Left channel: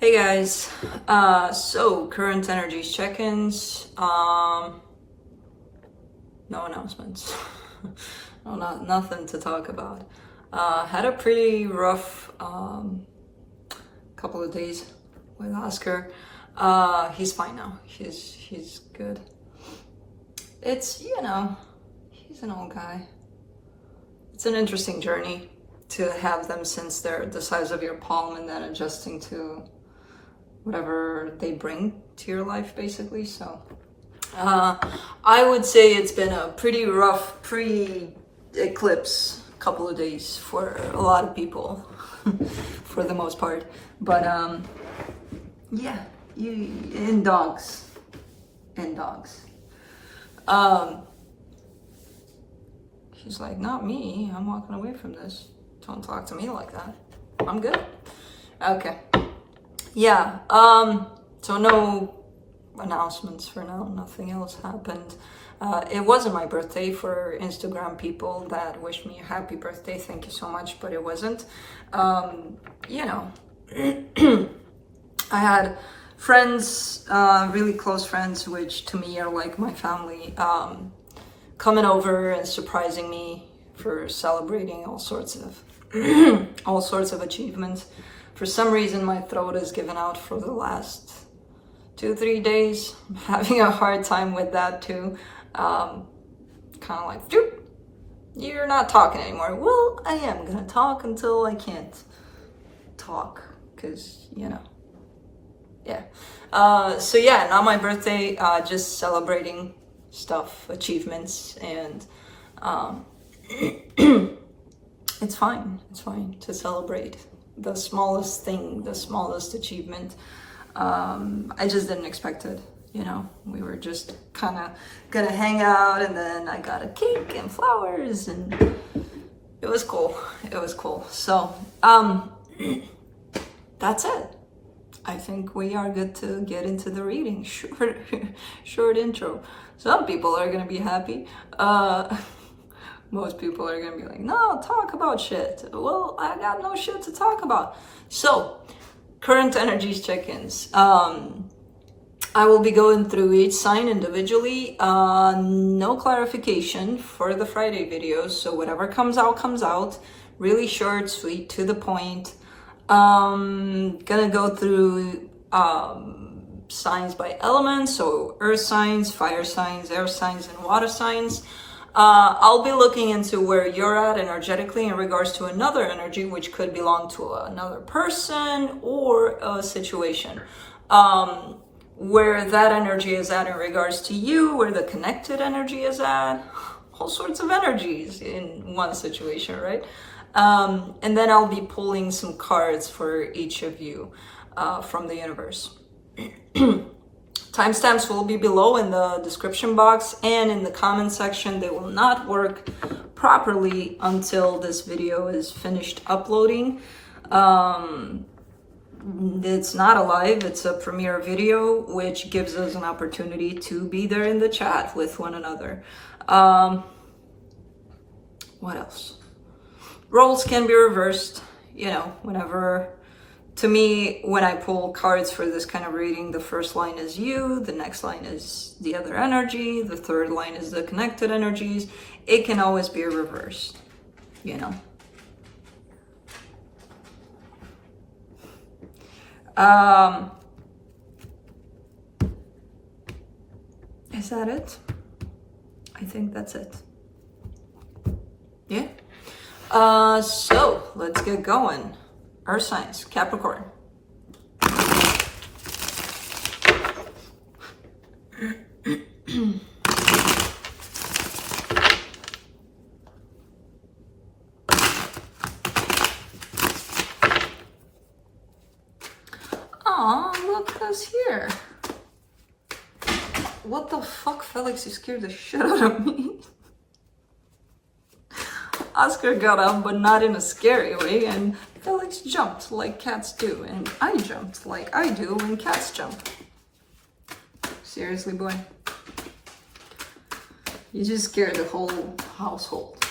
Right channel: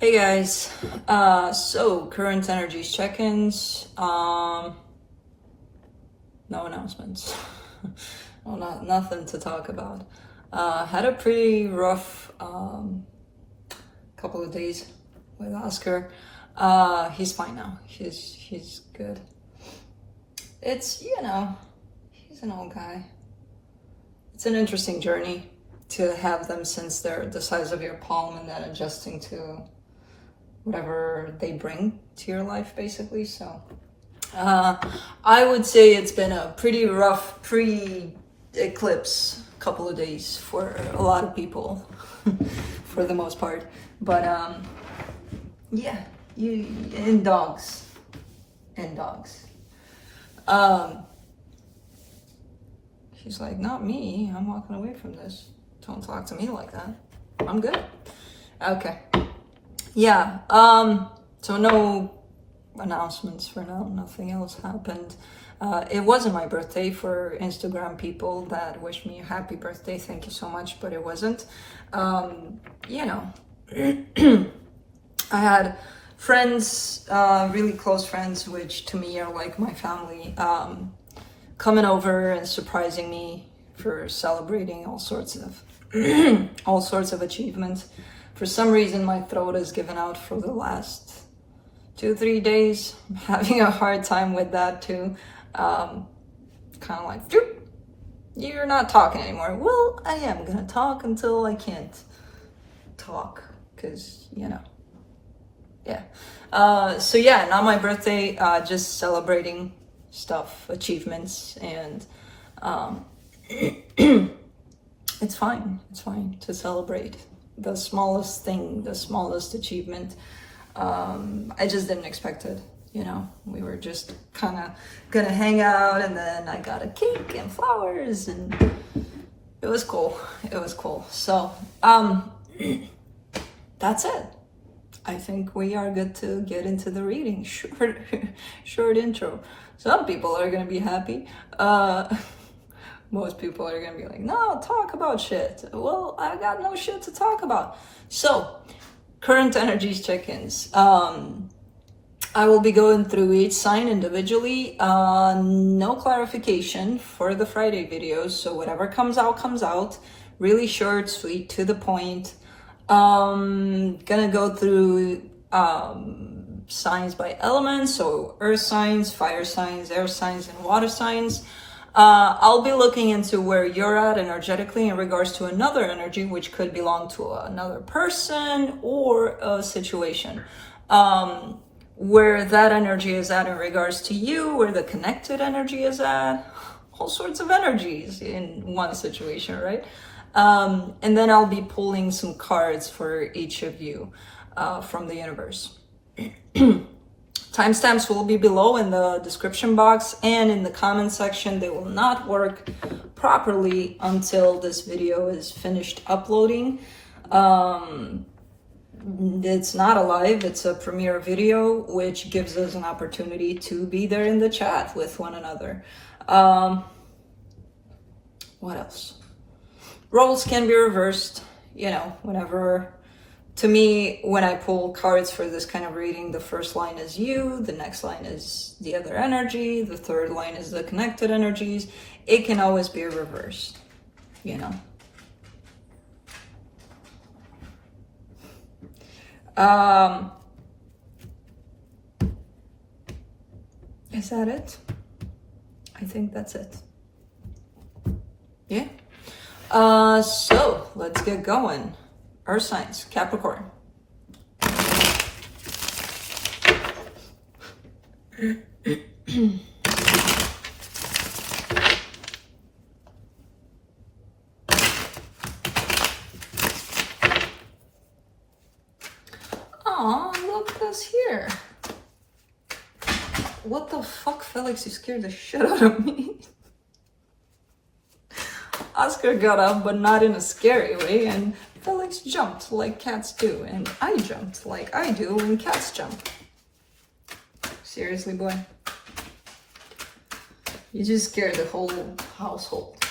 Hey guys, so current energies check-ins, no announcements, no, nothing to talk about. Had a pretty rough couple of days with Oscar. He's fine now, he's good. It's, he's an old guy. It's an interesting journey to have them since they're the size of your palm and then adjusting to whatever they bring to your life, basically. So I would say it's been a pretty rough pre-eclipse couple of days for a lot of people for the most part, but yeah, and dogs she's like, not me, I'm walking away from this, don't talk to me like that, I'm good. Okay. Yeah, so no announcements for now, nothing else happened. It wasn't my birthday. For Instagram people that wished me a happy birthday, thank you so much, but it wasn't. I had friends, really close friends, which to me are like my family, coming over and surprising me for celebrating all sorts of achievements. For some reason, my throat has given out for the last 2-3 days. I'm having a hard time with that too. Kind of like, you're not talking anymore. Well, I am gonna talk until I can't talk, because, yeah. So yeah, not my birthday, just celebrating stuff, achievements, and it's fine to celebrate the smallest thing, the smallest achievement. I just didn't expect it, we were just kind of gonna hang out, and then I got a cake and flowers, and it was cool. So that's it. I think we are good to get into the reading. Short intro. Some people are gonna be happy. Most people are gonna be like, no, talk about shit. Well, I got no shit to talk about. So, current energies check-ins. I will be going through each sign individually. No clarification for the Friday videos, so whatever comes out. Really short, sweet, to the point. Gonna go through signs by elements, so earth signs, fire signs, air signs, and water signs. I'll be looking into where you're at energetically in regards to another energy, which could belong to another person or a situation. Where that energy is at in regards to you, where the connected energy is at, all sorts of energies in one situation, right? And then I'll be pulling some cards for each of you from the universe. Timestamps will be below in the description box and in the comment section. They will not work properly until this video is finished uploading. It's not a live, it's a premiere video, which gives us an opportunity to be there in the chat with one another. What else? Roles can be reversed, whenever. To me, when I pull cards for this kind of reading, the first line is you, the next line is the other energy, the third line is the connected energies. It can always be reversed, Is that it? I think that's it. Yeah. So let's get going. Earth signs, Capricorn. Aw, look who's here. What the fuck, Felix? You scared the shit out of me. Oscar got up, but not in a scary way, and Felix jumped like cats do, and I jumped like I do when cats jump. Seriously, boy. You just scared the whole household.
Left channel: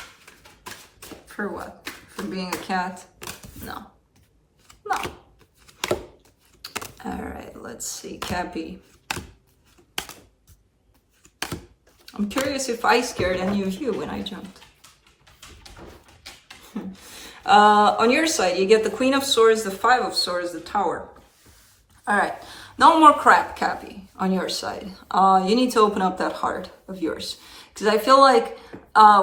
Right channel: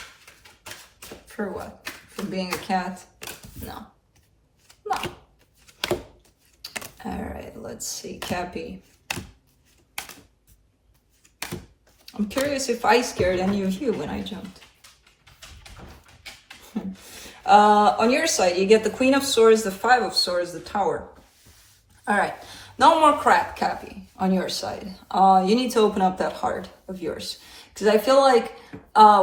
For what? For being a cat? No. All right, let's see, Cappy. I'm curious if I scared any of you when I jumped. On your side, you get the Queen of Swords, the Five of Swords, the Tower. All right, no more crap, Cappy, on your side. You need to open up that heart of yours. Because I feel like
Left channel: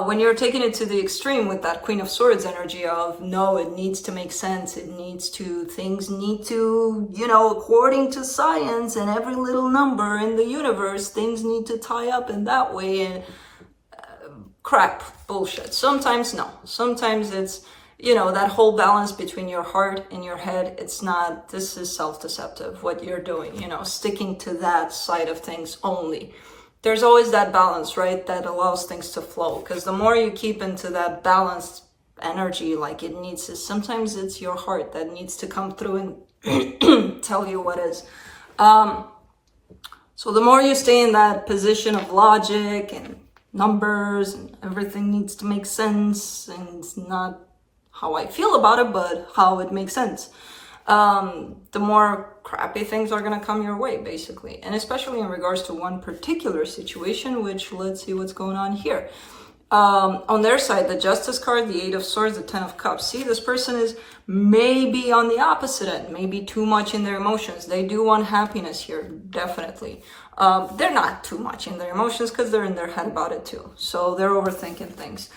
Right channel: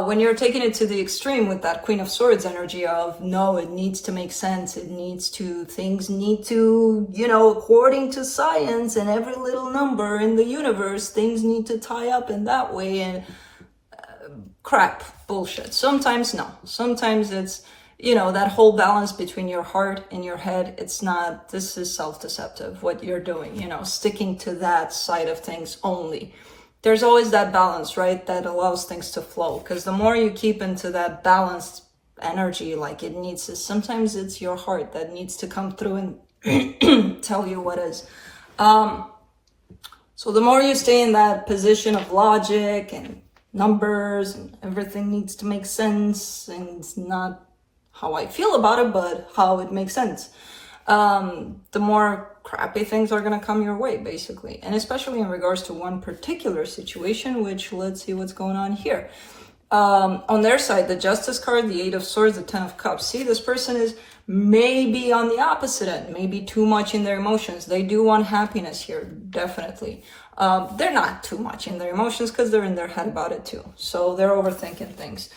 when you're taking it to the extreme with that Queen of Swords energy of, no, it needs to make sense. It needs to, things need to, you know, according to science and every little number in the universe, things need to tie up in that way. And crap, bullshit. Sometimes no. Sometimes it's, you know, that whole balance between your heart and your head. It's not, this is self-deceptive, what you're doing, you know, sticking to that side of things only. There's always that balance, right, that allows things to flow. Because the more you keep into that balanced energy, like it needs to, sometimes it's your heart that needs to come through and tell you what is. So the more you stay in that position of logic and numbers and everything needs to make sense, and it's not how I feel about it, but how it makes sense, the more crappy things are going to come your way, basically. And especially in regards to one particular situation, which let's see what's going on here. On their side, the Justice card, the Eight of Swords, the Ten of Cups. See, this person is maybe on the opposite end, maybe too much in their emotions. They do want happiness here, definitely. They're not too much in their emotions because they're in their head about it too. So they're overthinking things.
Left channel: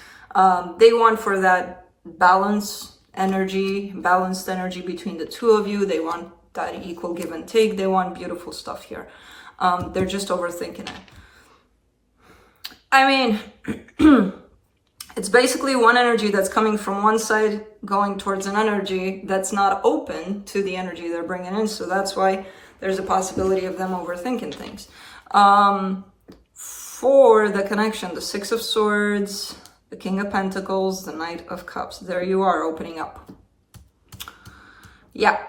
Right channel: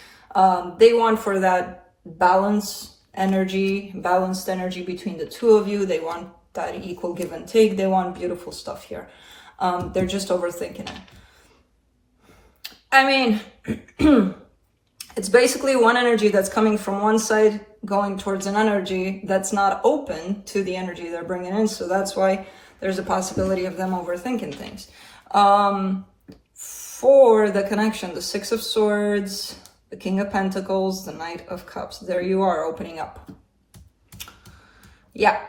They want for that balanced energy between the two of you. They want that equal give and take. They want beautiful stuff here. They're just overthinking it. I mean, it's basically one energy that's coming from one side going towards an energy that's not open to the energy they're bringing in. So that's why there's a possibility of them overthinking things. For the connection, the Six of Swords, the King of Pentacles, the Knight of Cups. There you are, opening up. Yeah,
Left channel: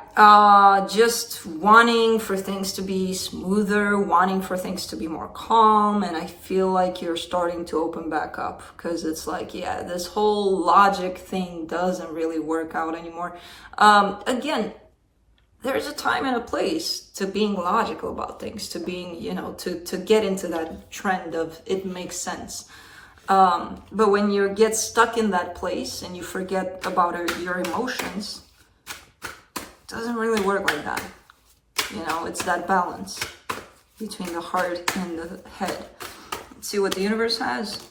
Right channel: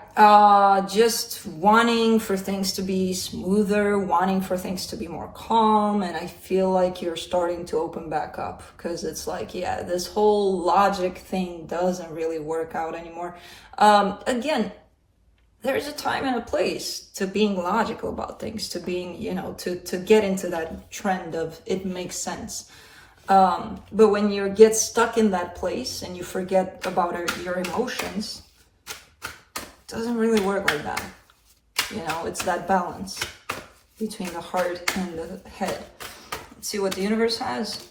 just wanting for things to be smoother, wanting for things to be more calm. And I feel like you're starting to open back up because it's like, yeah, this whole logic thing doesn't really work out anymore. Again, there's a time and a place to being logical about things, to being, you know, to get into that trend of it makes sense. But when you get stuck in that place and you forget about your emotions, it doesn't really work like that. You know, it's that balance between the heart and the head. Let's see what the universe has.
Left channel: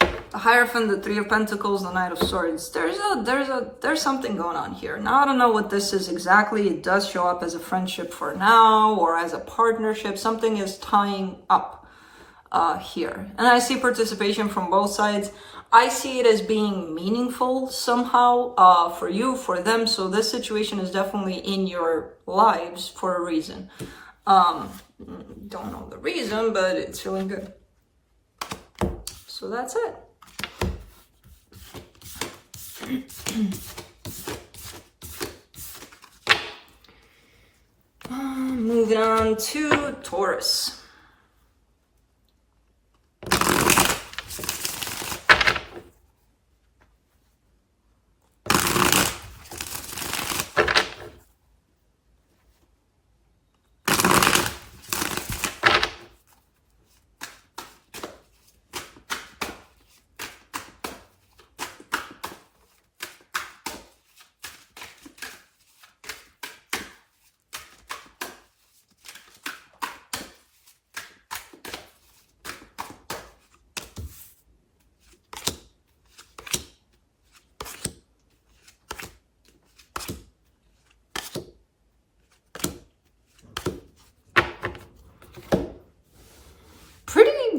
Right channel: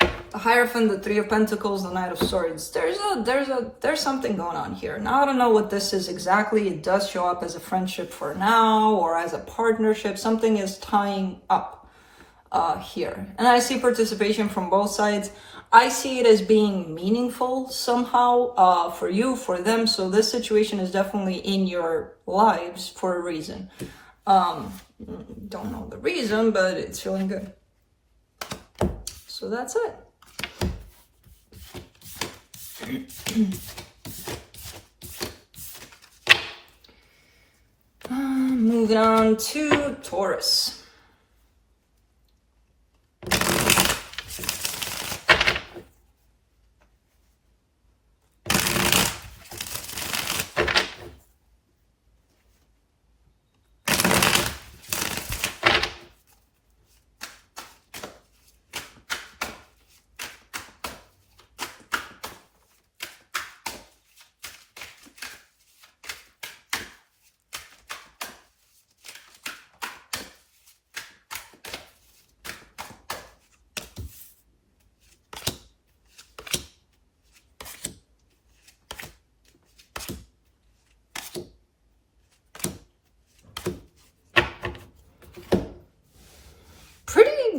The Hierophant, the Three of Pentacles, the Knight of Swords. There's something going on here. Now, I don't know what this is exactly. It does show up as a friendship for now or as a partnership. Something is tying up here. And I see participation from both sides. I see it as being meaningful somehow for you, for them. So this situation is definitely in your lives for a reason. Don't know the reason, but it's feeling good. So that's it. Moving on to Taurus.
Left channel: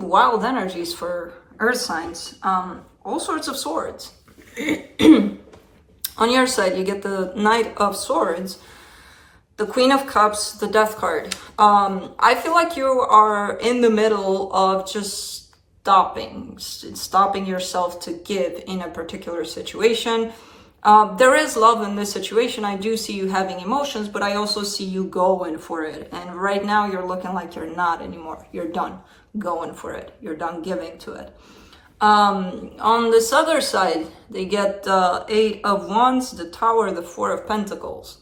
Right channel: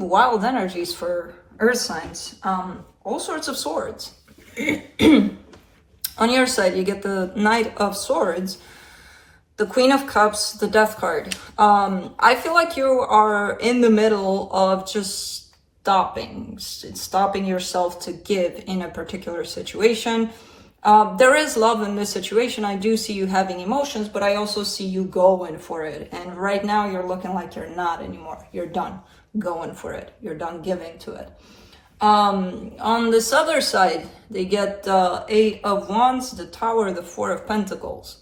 Wild energies for earth signs. All sorts of swords. On your side, you get the Knight of Swords, the Queen of Cups, the Death card. I feel like you are in the middle of just stopping yourself to give in a particular situation. There is love in this situation. I do see you having emotions, but I also see you going for it. And right now you're looking like you're not anymore. You're done going for it. You're done giving to it. On this other side, they get the Eight of Wands, the Tower, the Four of Pentacles.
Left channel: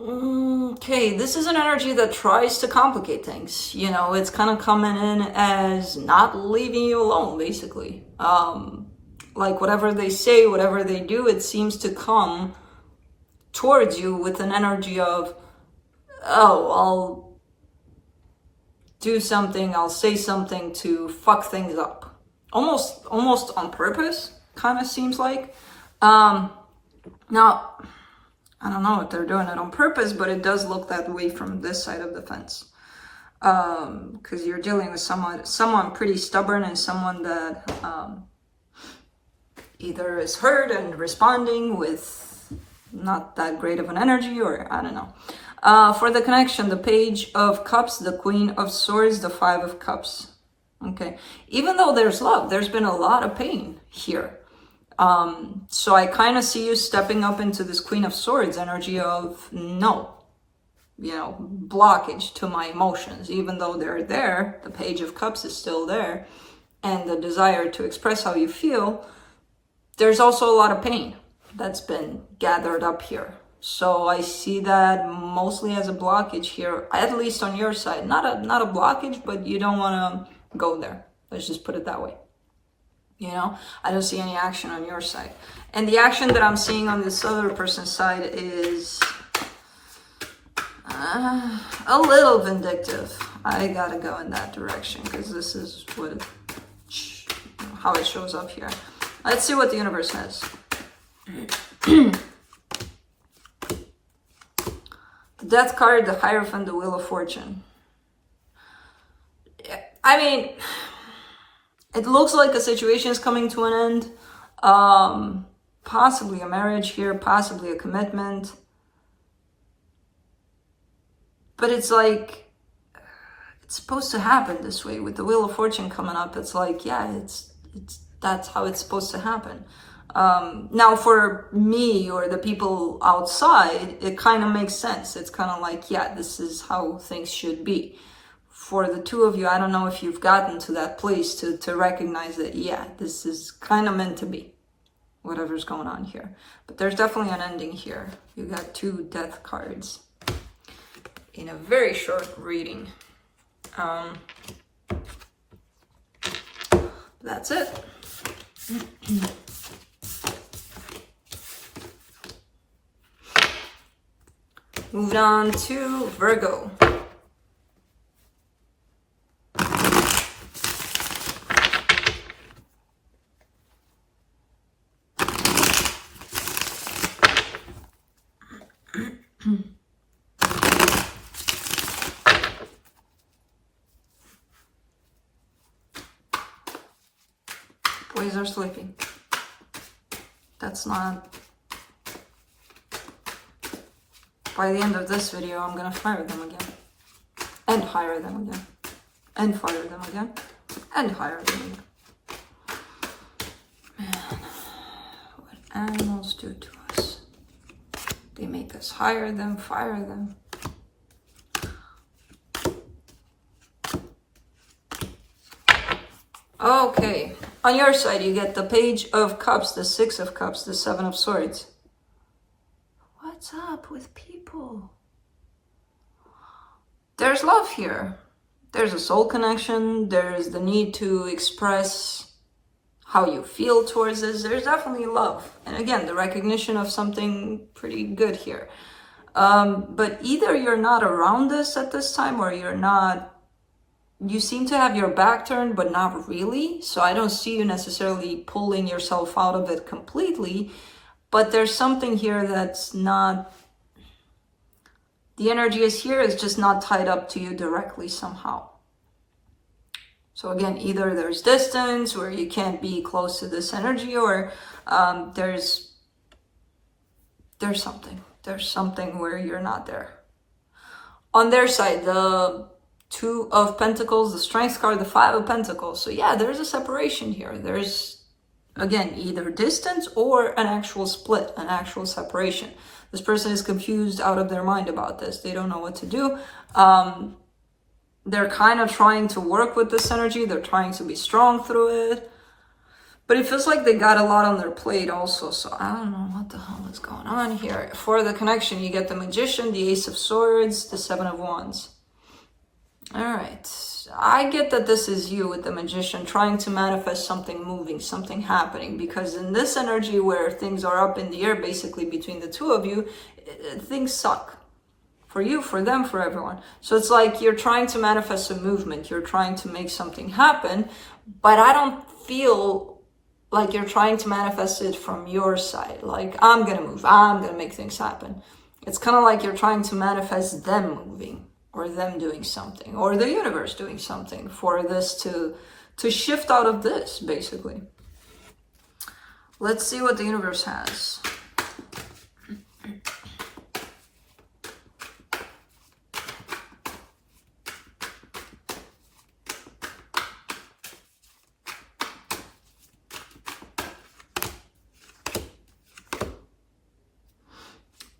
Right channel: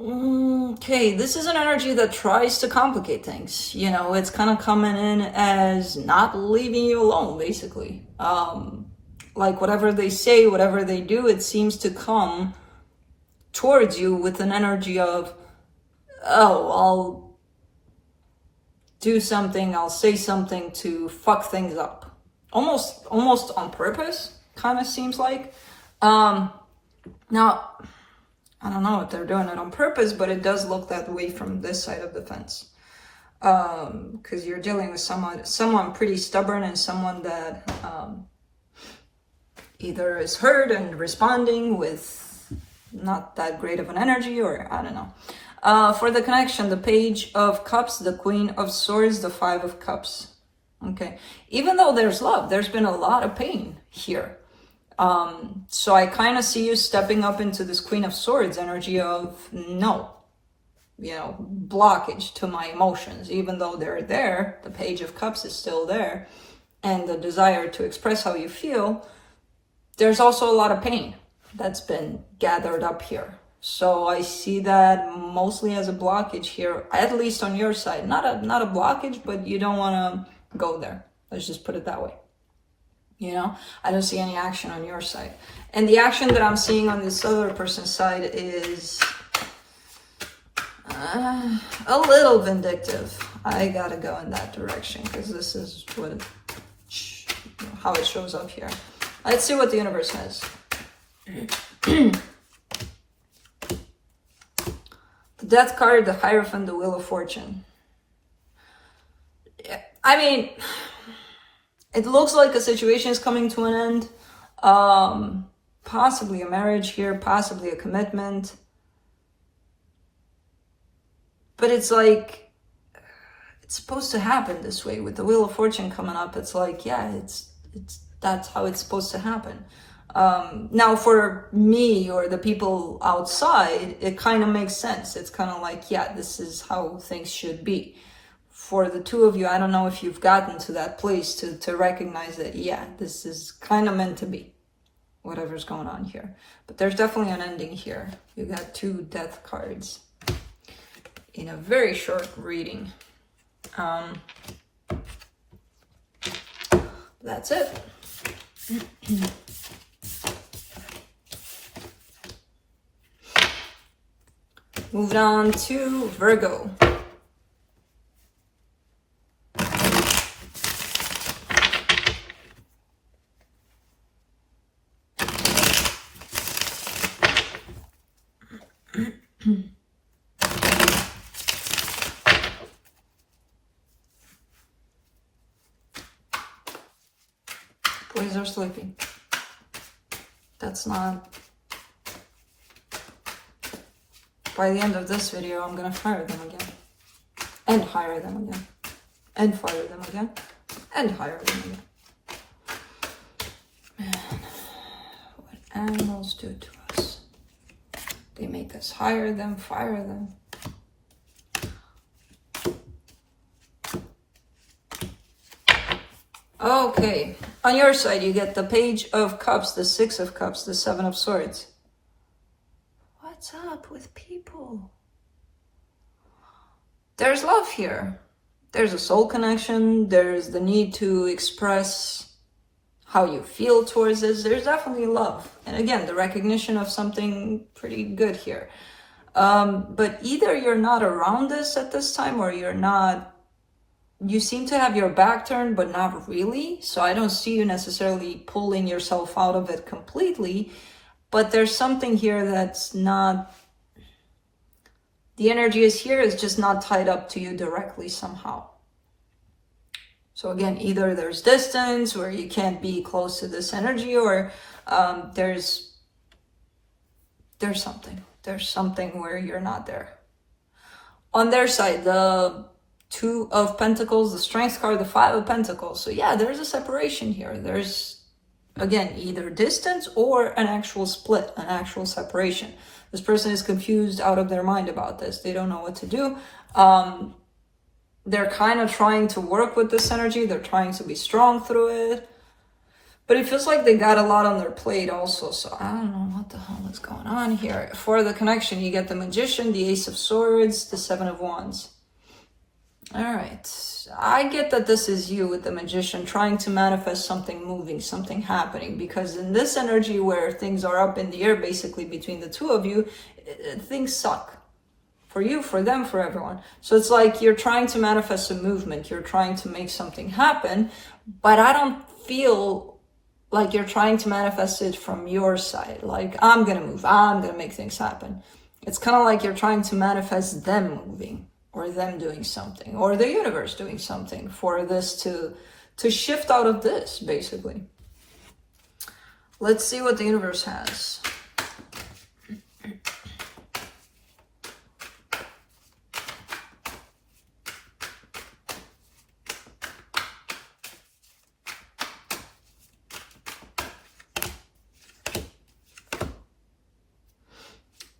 Okay, this is an energy that tries to complicate things. You know, it's kind of coming in as not leaving you alone, basically. Like whatever they say, whatever they do, it seems to come towards you with an energy of, oh, I'll do something, I'll say something to fuck things up. Almost on purpose, kind of seems like. Now, I don't know if they're doing it on purpose, but it does look that way from this side of the fence. Because you're dealing with someone pretty stubborn and someone that either is hurt and responding with not that great of an energy, or I don't know. For the connection, the Page of Cups, the Queen of Swords, the Five of Cups. Okay, even though there's love, there's been a lot of pain here. So I kind of see you stepping up into this Queen of Swords energy of no, you know, blockage to my emotions. Even though they're there, the Page of Cups is still there, and the desire to express how you feel, there's also a lot of pain that's been gathered up here. So I see that mostly as a blockage here, at least on your side. Not a blockage, but you don't want to go there. Let's just put it that way. You know, I don't see any action on your side. And the action that I'm seeing on this other person's side is a little vindictive. I gotta go in that direction because this is how it shows up here. Let's see what the universe says. The Death card, the Hierophant, the Wheel of Fortune. I mean, it looks like a situation is coming to an end. Possibly a marriage here, possibly a commitment. But it's like, it's supposed to happen this way. With the Wheel of Fortune coming up, it's like, yeah, that's how it's supposed to happen. Now for me or the people outside, it kind of makes sense. It's kind of like, yeah, this is how things should be. For the two of you, I don't know if you've gotten to that place to recognize that, yeah, this is kind of meant to be, whatever's going on here. But there's definitely an ending here. You got two Death cards in a very short reading. That's it. Moving on to Virgo. Boys are sleeping. That's not... By the end of this video, I'm gonna fire them again. And hire them again. And fire them again. And hire them again. Man, what animals do to us. They make us hire them, fire them. Okay, on your side you get the Page of Cups, the Six of Cups, the Seven of Swords. What's up with people? There's love here. There's a soul connection. There's the need to express how you feel towards this. There's definitely love. And again, the recognition of something pretty good here. But either you're not around this at this time or you're not... You seem to have your back turned, but not really. So I don't see you necessarily pulling yourself out of it completely. But there's something here that's not... The energy is here, it's just not tied up to you directly somehow. So again, either there's distance where you can't be close to this energy, or there's something. There's something where you're not there. On their side, the Two of Pentacles, the Strength card, the Five of Pentacles. So yeah, there's a separation here. There's, again, either distance or an actual split, an actual separation. This person is confused out of their mind about this. They don't know what to do. They're kind of trying to work with this energy. They're trying to be strong through it. But it feels like they got a lot on their plate also. So I don't know what the hell is going on here. For the connection, you get the Magician, the Ace of Swords, the Seven of Wands. All right. I get that this is you with the Magician trying to manifest something moving, something happening. Because in this energy where things are up in the air, basically between the two of you, things suck. For you, for them, for everyone. So it's like you're trying to manifest a movement. You're trying to make something happen. But I don't feel like you're trying to manifest it from your side. Like, I'm going to move. I'm going to make things happen. It's kind of like you're trying to manifest them moving or them doing something or the universe doing something for this to shift out of this, basically. Let's see what the universe has.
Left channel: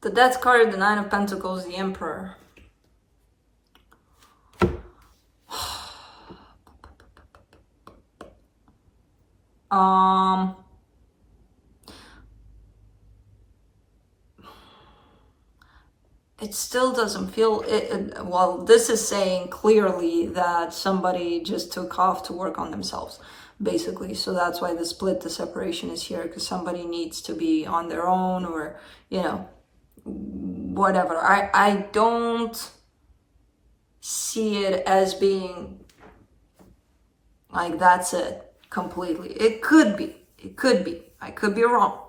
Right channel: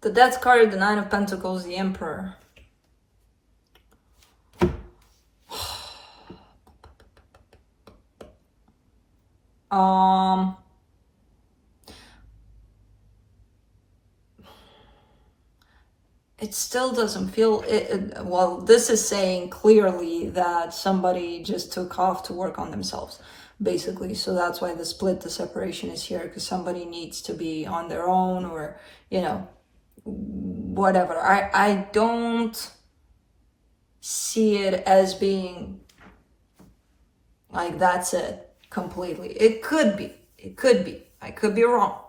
The Death card, the Nine of Pentacles, the Emperor. It still doesn't feel well, this is saying clearly that somebody just took off to work on themselves, basically. So that's why the split, the separation is here, because somebody needs to be on their own, or, you know, whatever. I don't see it as being like that's it completely. It could be. I could be wrong.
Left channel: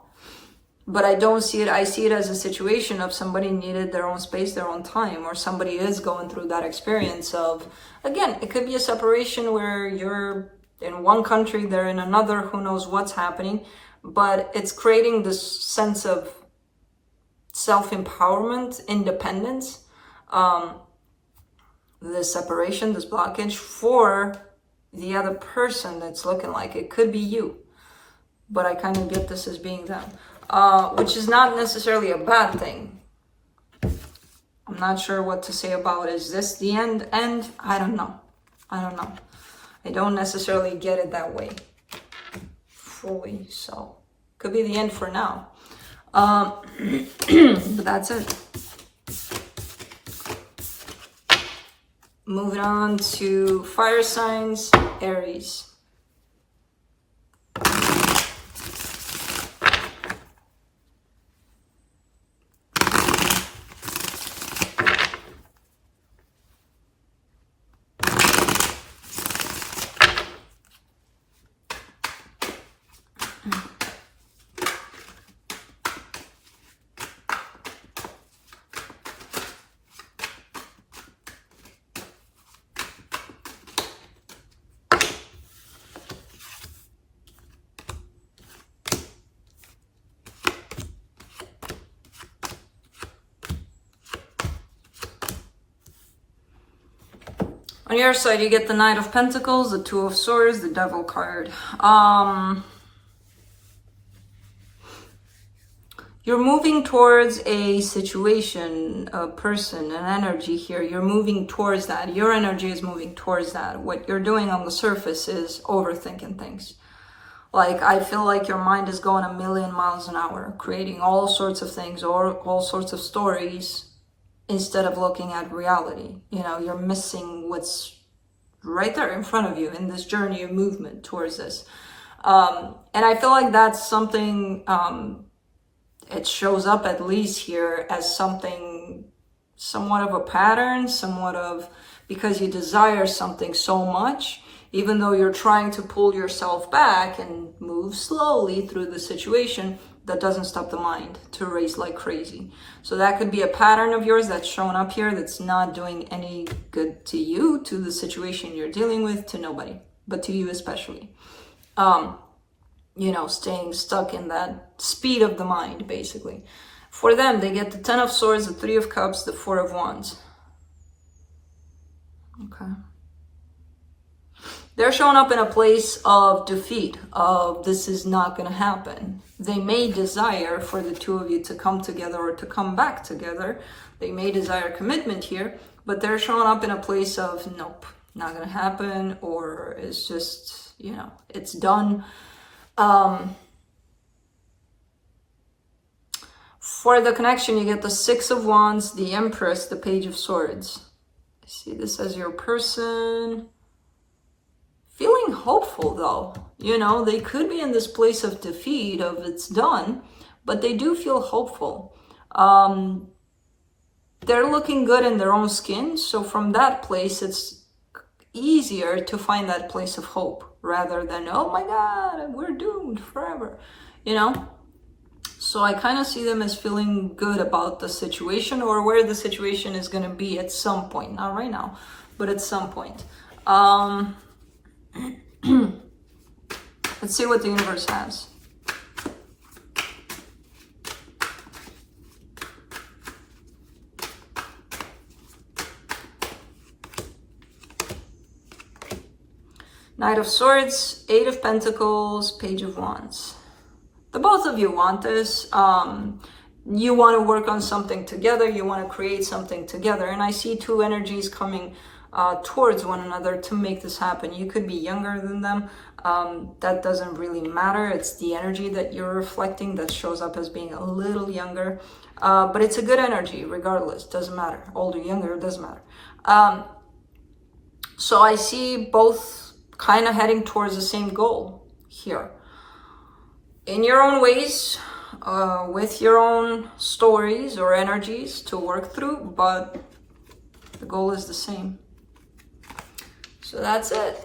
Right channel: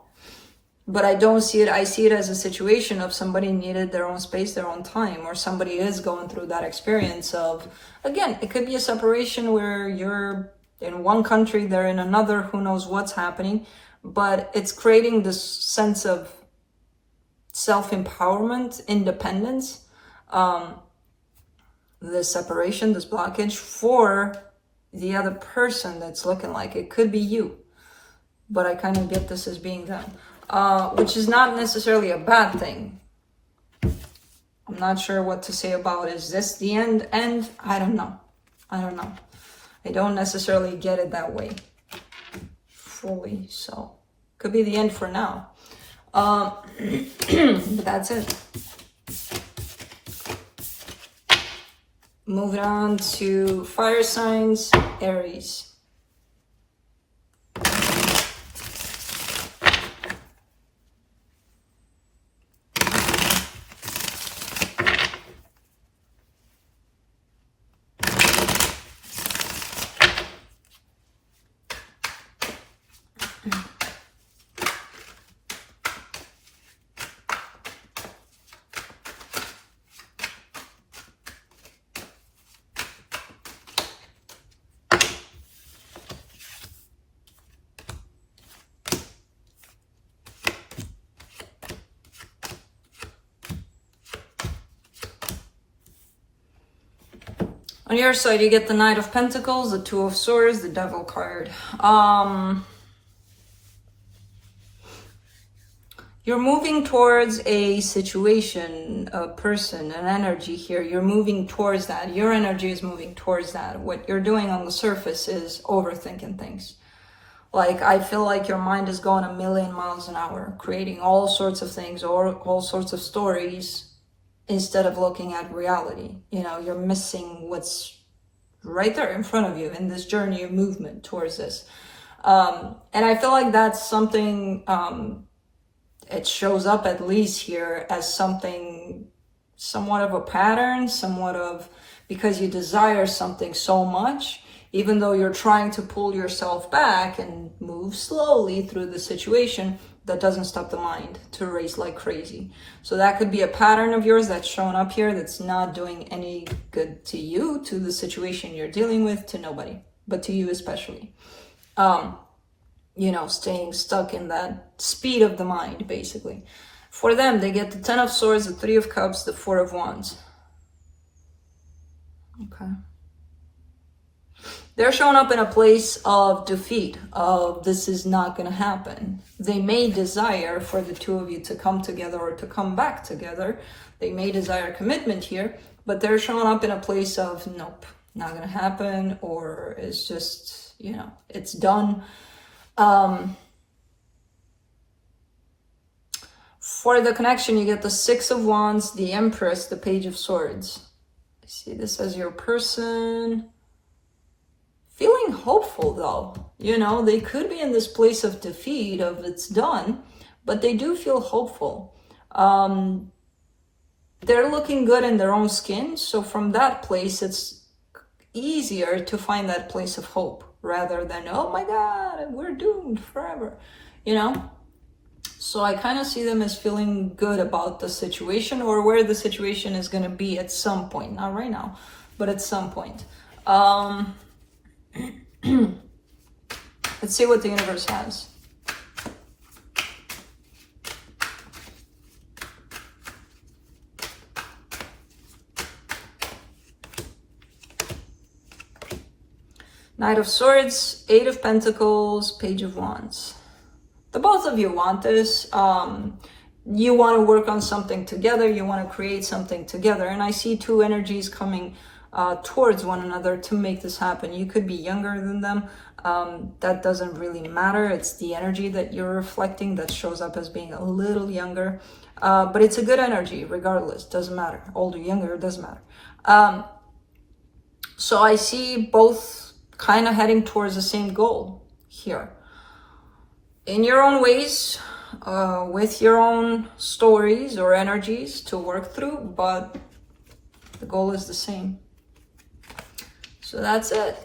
But I don't see it. I see it as a situation of somebody needed their own space, their own time, or somebody is going through that experience of, again, it could be a separation where you're in one country, they're in another, who knows what's happening, but it's creating this sense of self-empowerment, independence, this separation, this blockage for the other person that's looking like it could be you. But I kind of get this as being them, which is not necessarily a bad thing. I'm not sure what to say about it. Is this the end? I don't know. I don't necessarily get it that way fully. So could be the end for now. But that's it. Moving on to fire signs, Aries. On your side, you get the Knight of Pentacles, the Two of Swords, the Devil card. You're moving towards a situation, a person, an energy here. You're moving towards that. Your energy is moving towards that. What you're doing on the surface is overthinking things. Like, I feel like your mind is going a million miles an hour, creating all sorts of things or all sorts of stories, instead of looking at reality. You know, you're missing what's right there in front of you in this journey of movement towards this. And I feel like that's something, it shows up at least here as something, somewhat of a pattern, somewhat of, because you desire something so much, even though you're trying to pull yourself back and move slowly through the situation, that doesn't stop the mind to race like crazy. So that could be a pattern of yours that's showing up here that's not doing any good to you, to the situation you're dealing with, to nobody, but to you especially. You know, staying stuck in that speed of the mind, basically. For them, they get the Ten of Swords, the Three of Cups, the Four of Wands. Okay. They're showing up in a place of defeat, of this is not going to happen. They may desire for the two of you to come together or to come back together. They may desire commitment here, but they're showing up in a place of, nope, not going to happen, or it's just, you know, it's done. For the connection, you get the Six of Wands, the Empress, the Page of Swords. I see this as your person feeling hopeful, though. You know, they could be in this place of defeat, of it's done, but they do feel hopeful. They're looking good in their own skin, so from that place, it's easier to find that place of hope rather than, oh my God, we're doomed forever, you know? So I kind of see them as feeling good about the situation, or where the situation is going to be at some point. Not right now, but at some point. Let's see what the universe has. Knight of Swords, Eight of Pentacles, Page of Wands. The both of you want this. You want to work on something together. You want to create something together. And I see two energies coming towards one another to make this happen. You could be younger than them. That doesn't really matter. It's the energy that you're reflecting that shows up as being a little younger. But it's a good energy regardless. Doesn't matter. Older, younger, doesn't matter. So I see both kind of heading towards the same goal here. In your own ways, with your own stories or energies to work through, but the goal is the same. So that's it.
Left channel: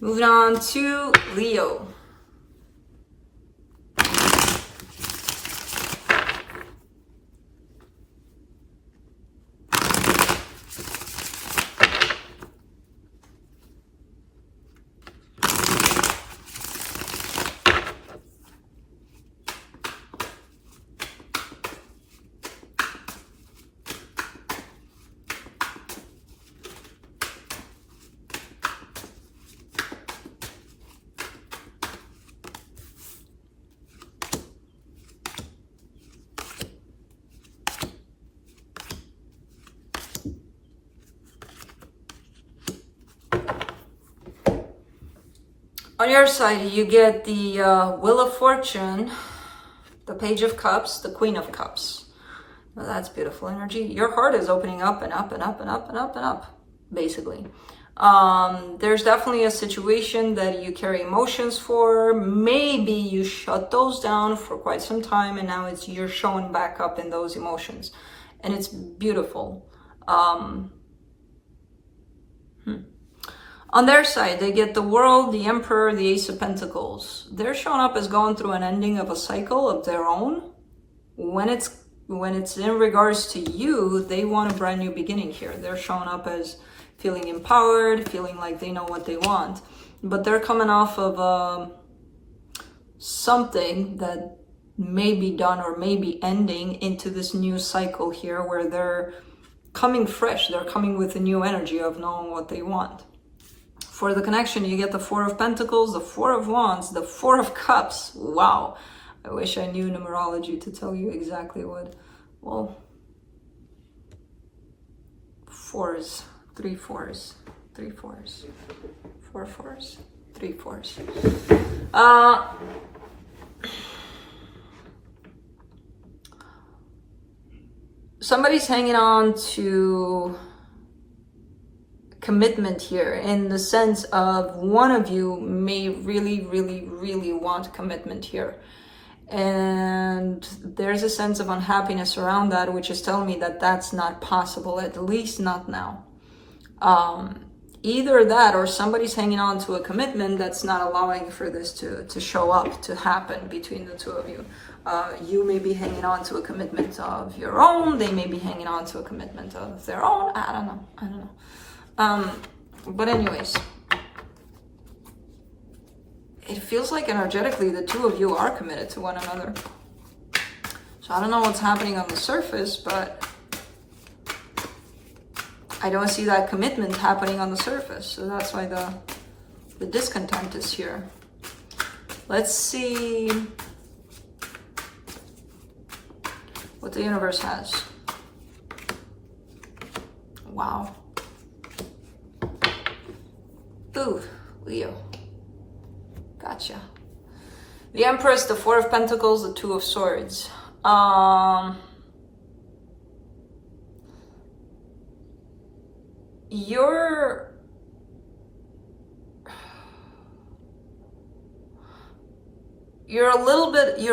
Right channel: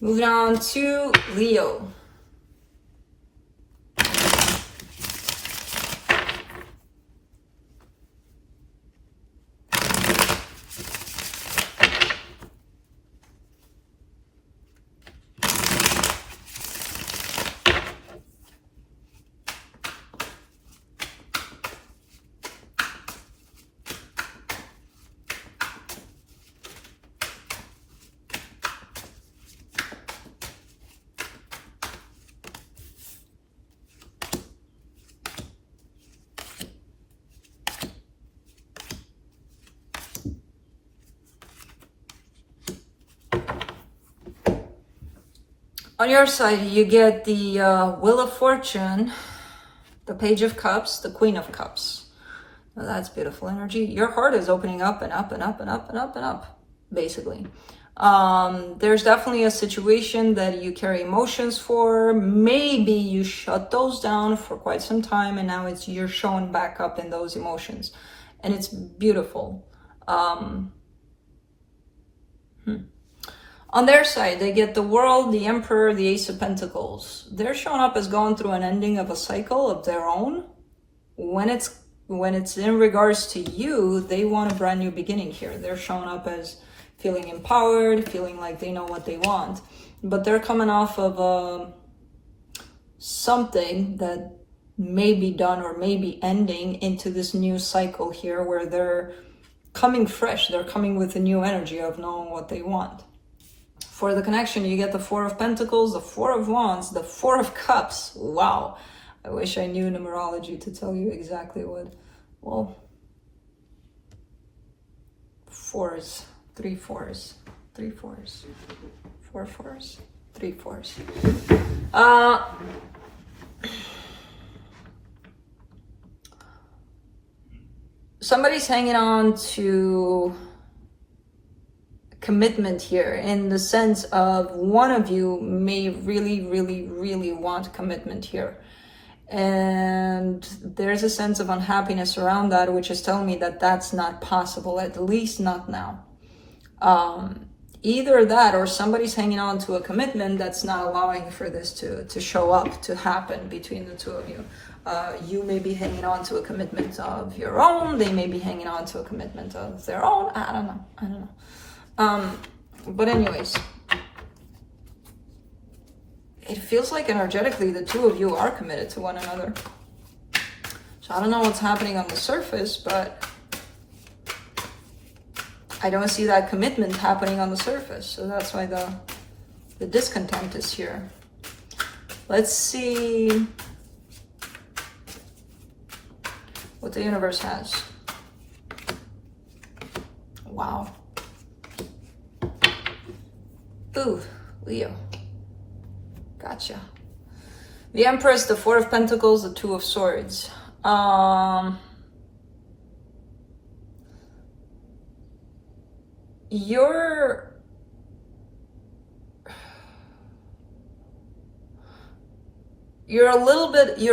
Moving on to Leo. On your side, you get the Wheel of Fortune, the Page of Cups, the Queen of Cups. Now that's beautiful energy. Your heart is opening up and up and up and up and up and up, basically. There's definitely a situation that you carry emotions for. Maybe you shut those down for quite some time, and now you're showing back up in those emotions. And it's beautiful. On their side, they get the World, the Emperor, the Ace of Pentacles. They're showing up as going through an ending of a cycle of their own. When it's in regards to you, they want a brand new beginning here. They're showing up as feeling empowered, feeling like they know what they want. But they're coming off of something that may be done or may be ending into this new cycle here where they're coming fresh. They're coming with a new energy of knowing what they want. For the connection, you get the Four of Pentacles, the Four of Wands, the Four of Cups. Wow. I wish I knew numerology to tell you exactly what. Well, fours, three fours, three fours, four fours, three fours. Somebody's hanging on to commitment here, in the sense of one of you may really want commitment here, and there's a sense of unhappiness around that, which is telling me that that's not possible, at least not now. Either that, or somebody's hanging on to a commitment that's not allowing for this to show up, to happen between the two of you. You may be hanging on to a commitment of your own, they may be hanging on to a commitment of their own. I don't know. But anyways, it feels like energetically the two of you are committed to one another. So I don't know what's happening on the surface, but I don't see that commitment happening on the surface. So that's why the discontent is here. Let's see what the universe has. Wow. Ooh, Leo. Gotcha. The Empress, the Four of Pentacles, the Two of Swords. You're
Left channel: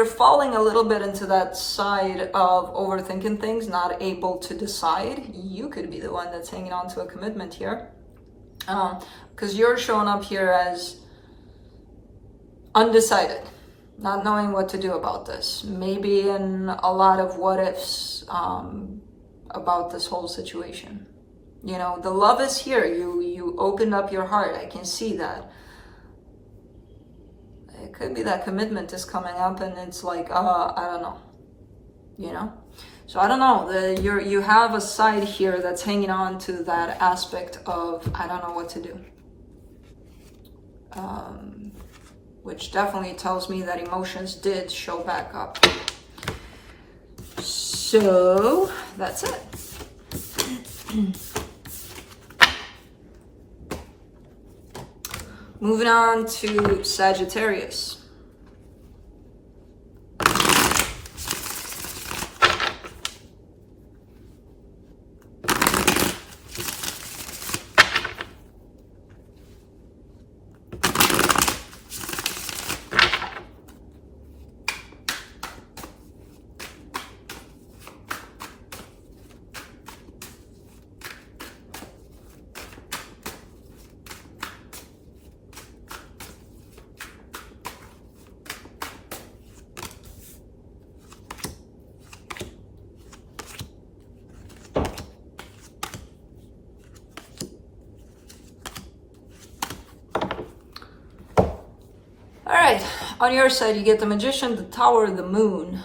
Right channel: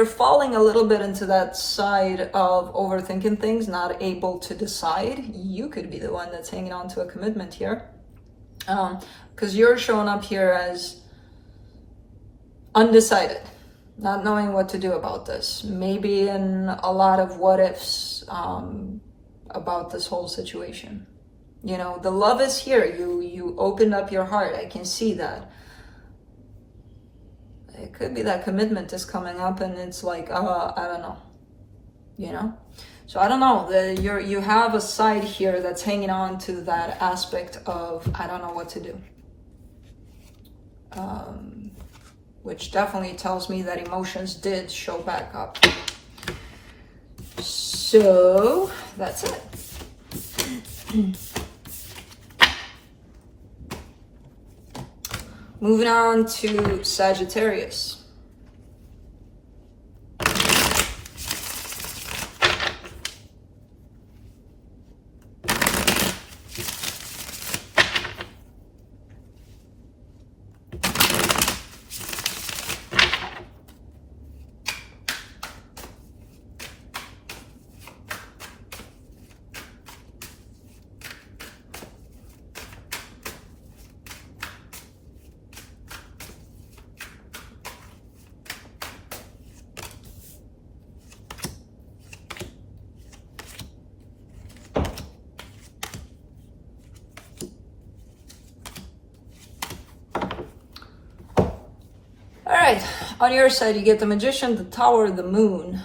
falling a little bit into that side of overthinking things, not able to decide. You could be the one that's hanging on to a commitment here. Because you're showing up here as undecided, not knowing what to do about this. Maybe in a lot of what ifs about this whole situation. You know, the love is here. You opened up your heart. I can see that. It could be that commitment is coming up and it's like, I don't know, you know? So I don't know, you have a side here that's hanging on to that aspect of, I don't know what to do. Which definitely tells me that emotions did show back up. So that's it. Moving on to Sagittarius. On your side, you get the Magician, the Tower, the Moon.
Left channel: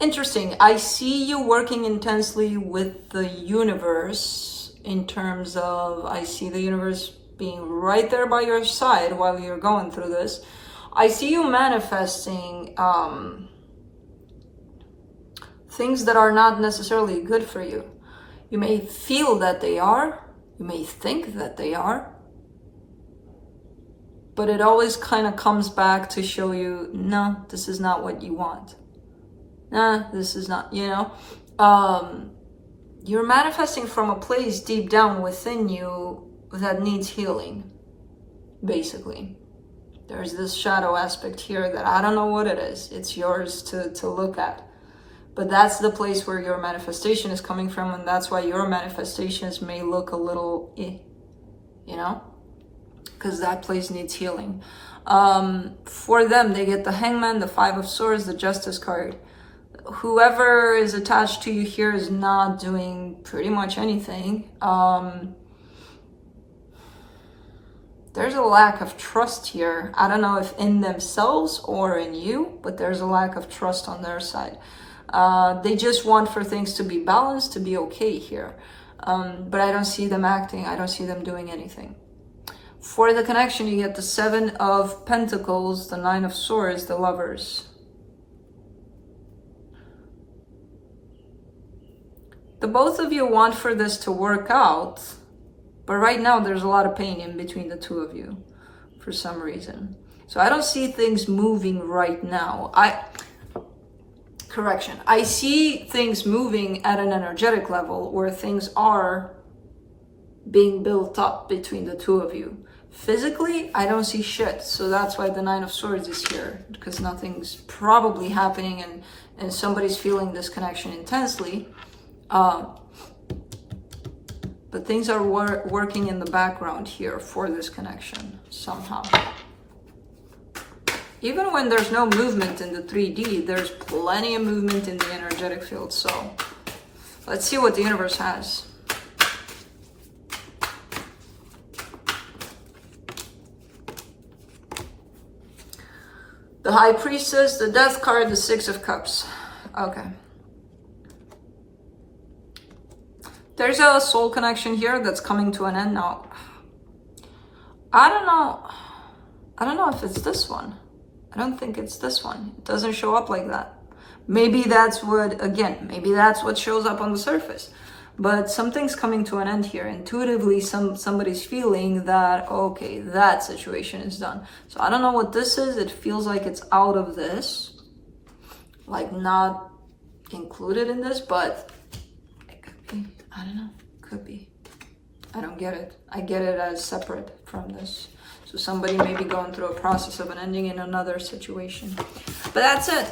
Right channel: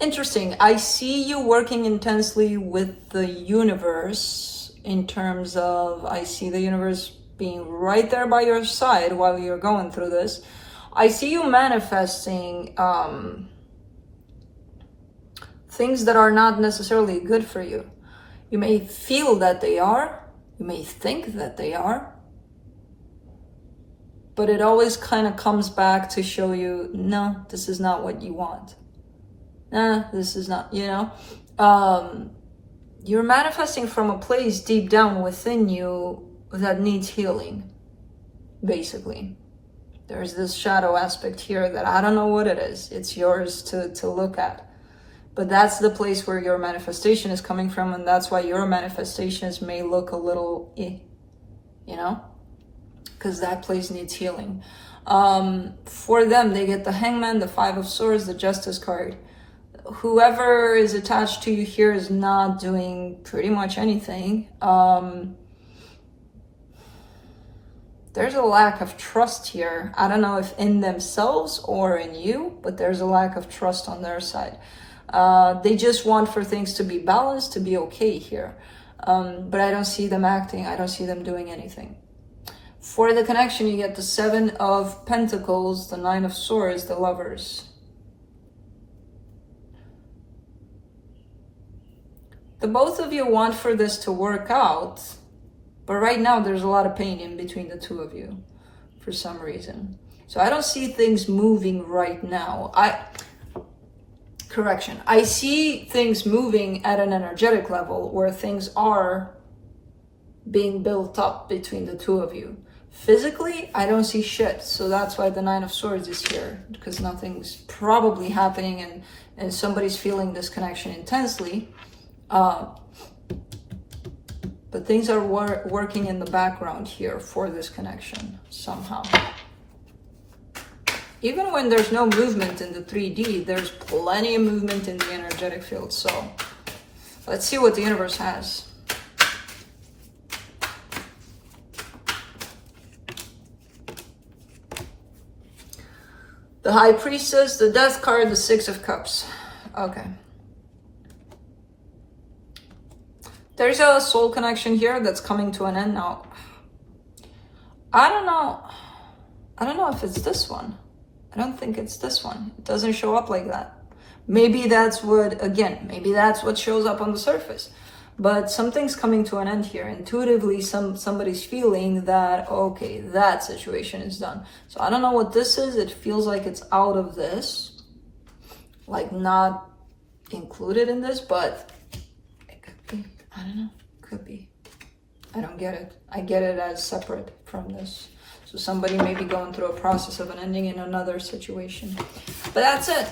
Interesting. I see you working intensely with the universe in terms of, I see the universe being right there by your side while you're going through this. I see you manifesting things that are not necessarily good for you. You may feel that they are. You may think that they are. But it always kind of comes back to show you, no, this is not what you want. Nah, this is not, you know. You're manifesting from a place deep down within you that needs healing, basically. There's this shadow aspect here that I don't know what it is. It's yours to look at. But that's the place where your manifestation is coming from, and that's why your manifestations may look a little you know? Because that place needs healing. For them, they get the Hangman, the Five of Swords, the Justice card. Whoever is attached to you here is not doing pretty much anything. There's a lack of trust here. I don't know if in themselves or in you, but there's a lack of trust on their side. They just want for things to be balanced, to be okay here. But I don't see them acting. I don't see them doing anything. For the connection, you get the Seven of Pentacles, the Nine of Swords, the Lovers. The both of you want for this to work out, but right now there's a lot of pain in between the two of you for some reason. So I don't see things moving right now. Correction. I see things moving at an energetic level where things are being built up between the two of you. Physically, I don't see shit. So that's why the Nine of Swords is here, because nothing's probably happening and somebody's feeling this connection intensely. But things are working in the background here for this connection somehow. Even when there's no movement in the 3D, there's plenty of movement in the energetic field. So let's see what the universe has. The High Priestess, the Death card, the Six of Cups. Okay. There's a soul connection here that's coming to an end now. I don't know if it's this one. I don't think it's this one. It doesn't show up like that. Maybe that's what, again, maybe that's what shows up on the surface. But something's coming to an end here. Intuitively, somebody's feeling that, okay, that situation is done. So I don't know what this is. It feels like it's out of this, like not included in this, but it could be, I don't know, could be. I don't get it. I get it as separate from this. So somebody may be going through a process of an ending in another situation. But that's it.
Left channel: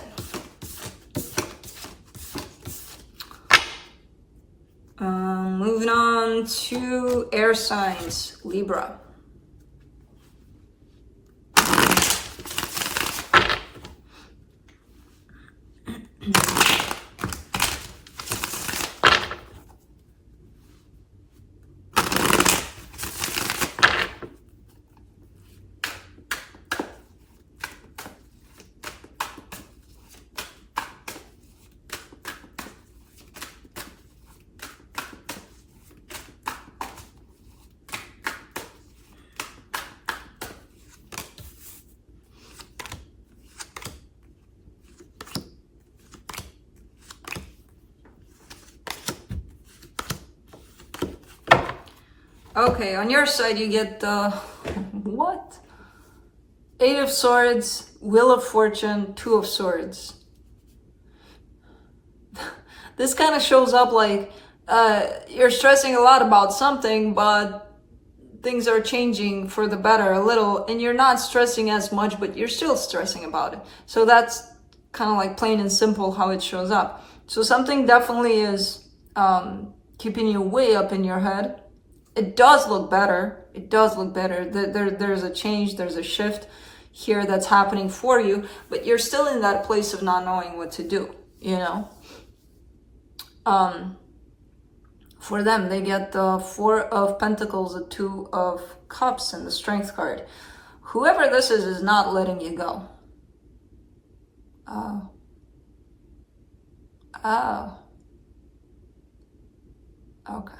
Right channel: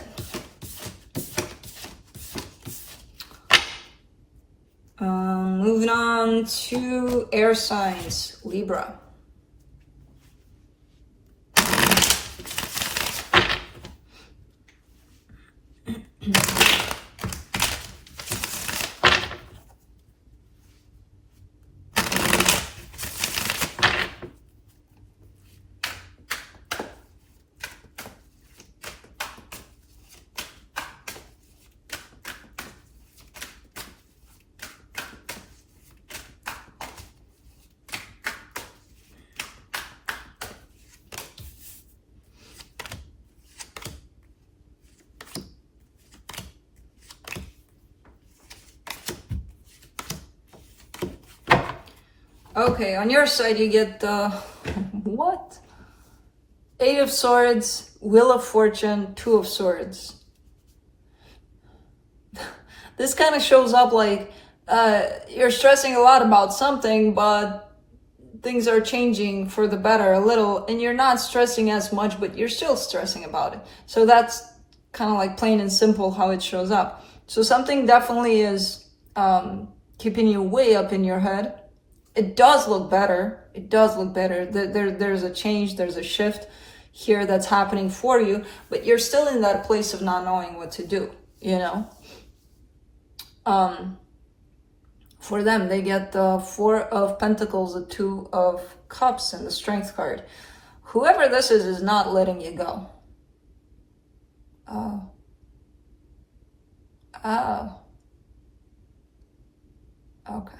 Moving on to air signs, Libra. Okay, on your side you get the, what? 8 of Swords, Wheel of Fortune, 2 of Swords. This kind of shows up like you're stressing a lot about something, but things are changing for the better a little, and you're not stressing as much, but you're still stressing about it. So that's kind of like plain and simple how it shows up. So something definitely is keeping you way up in your head. It does look better. It does look better. There's a change, there's a shift here that's happening for you, but you're still in that place of not knowing what to do, you know? For them, they get the 4 of Pentacles, the 2 of Cups, and the Strength card. Whoever this is not letting you go. Okay.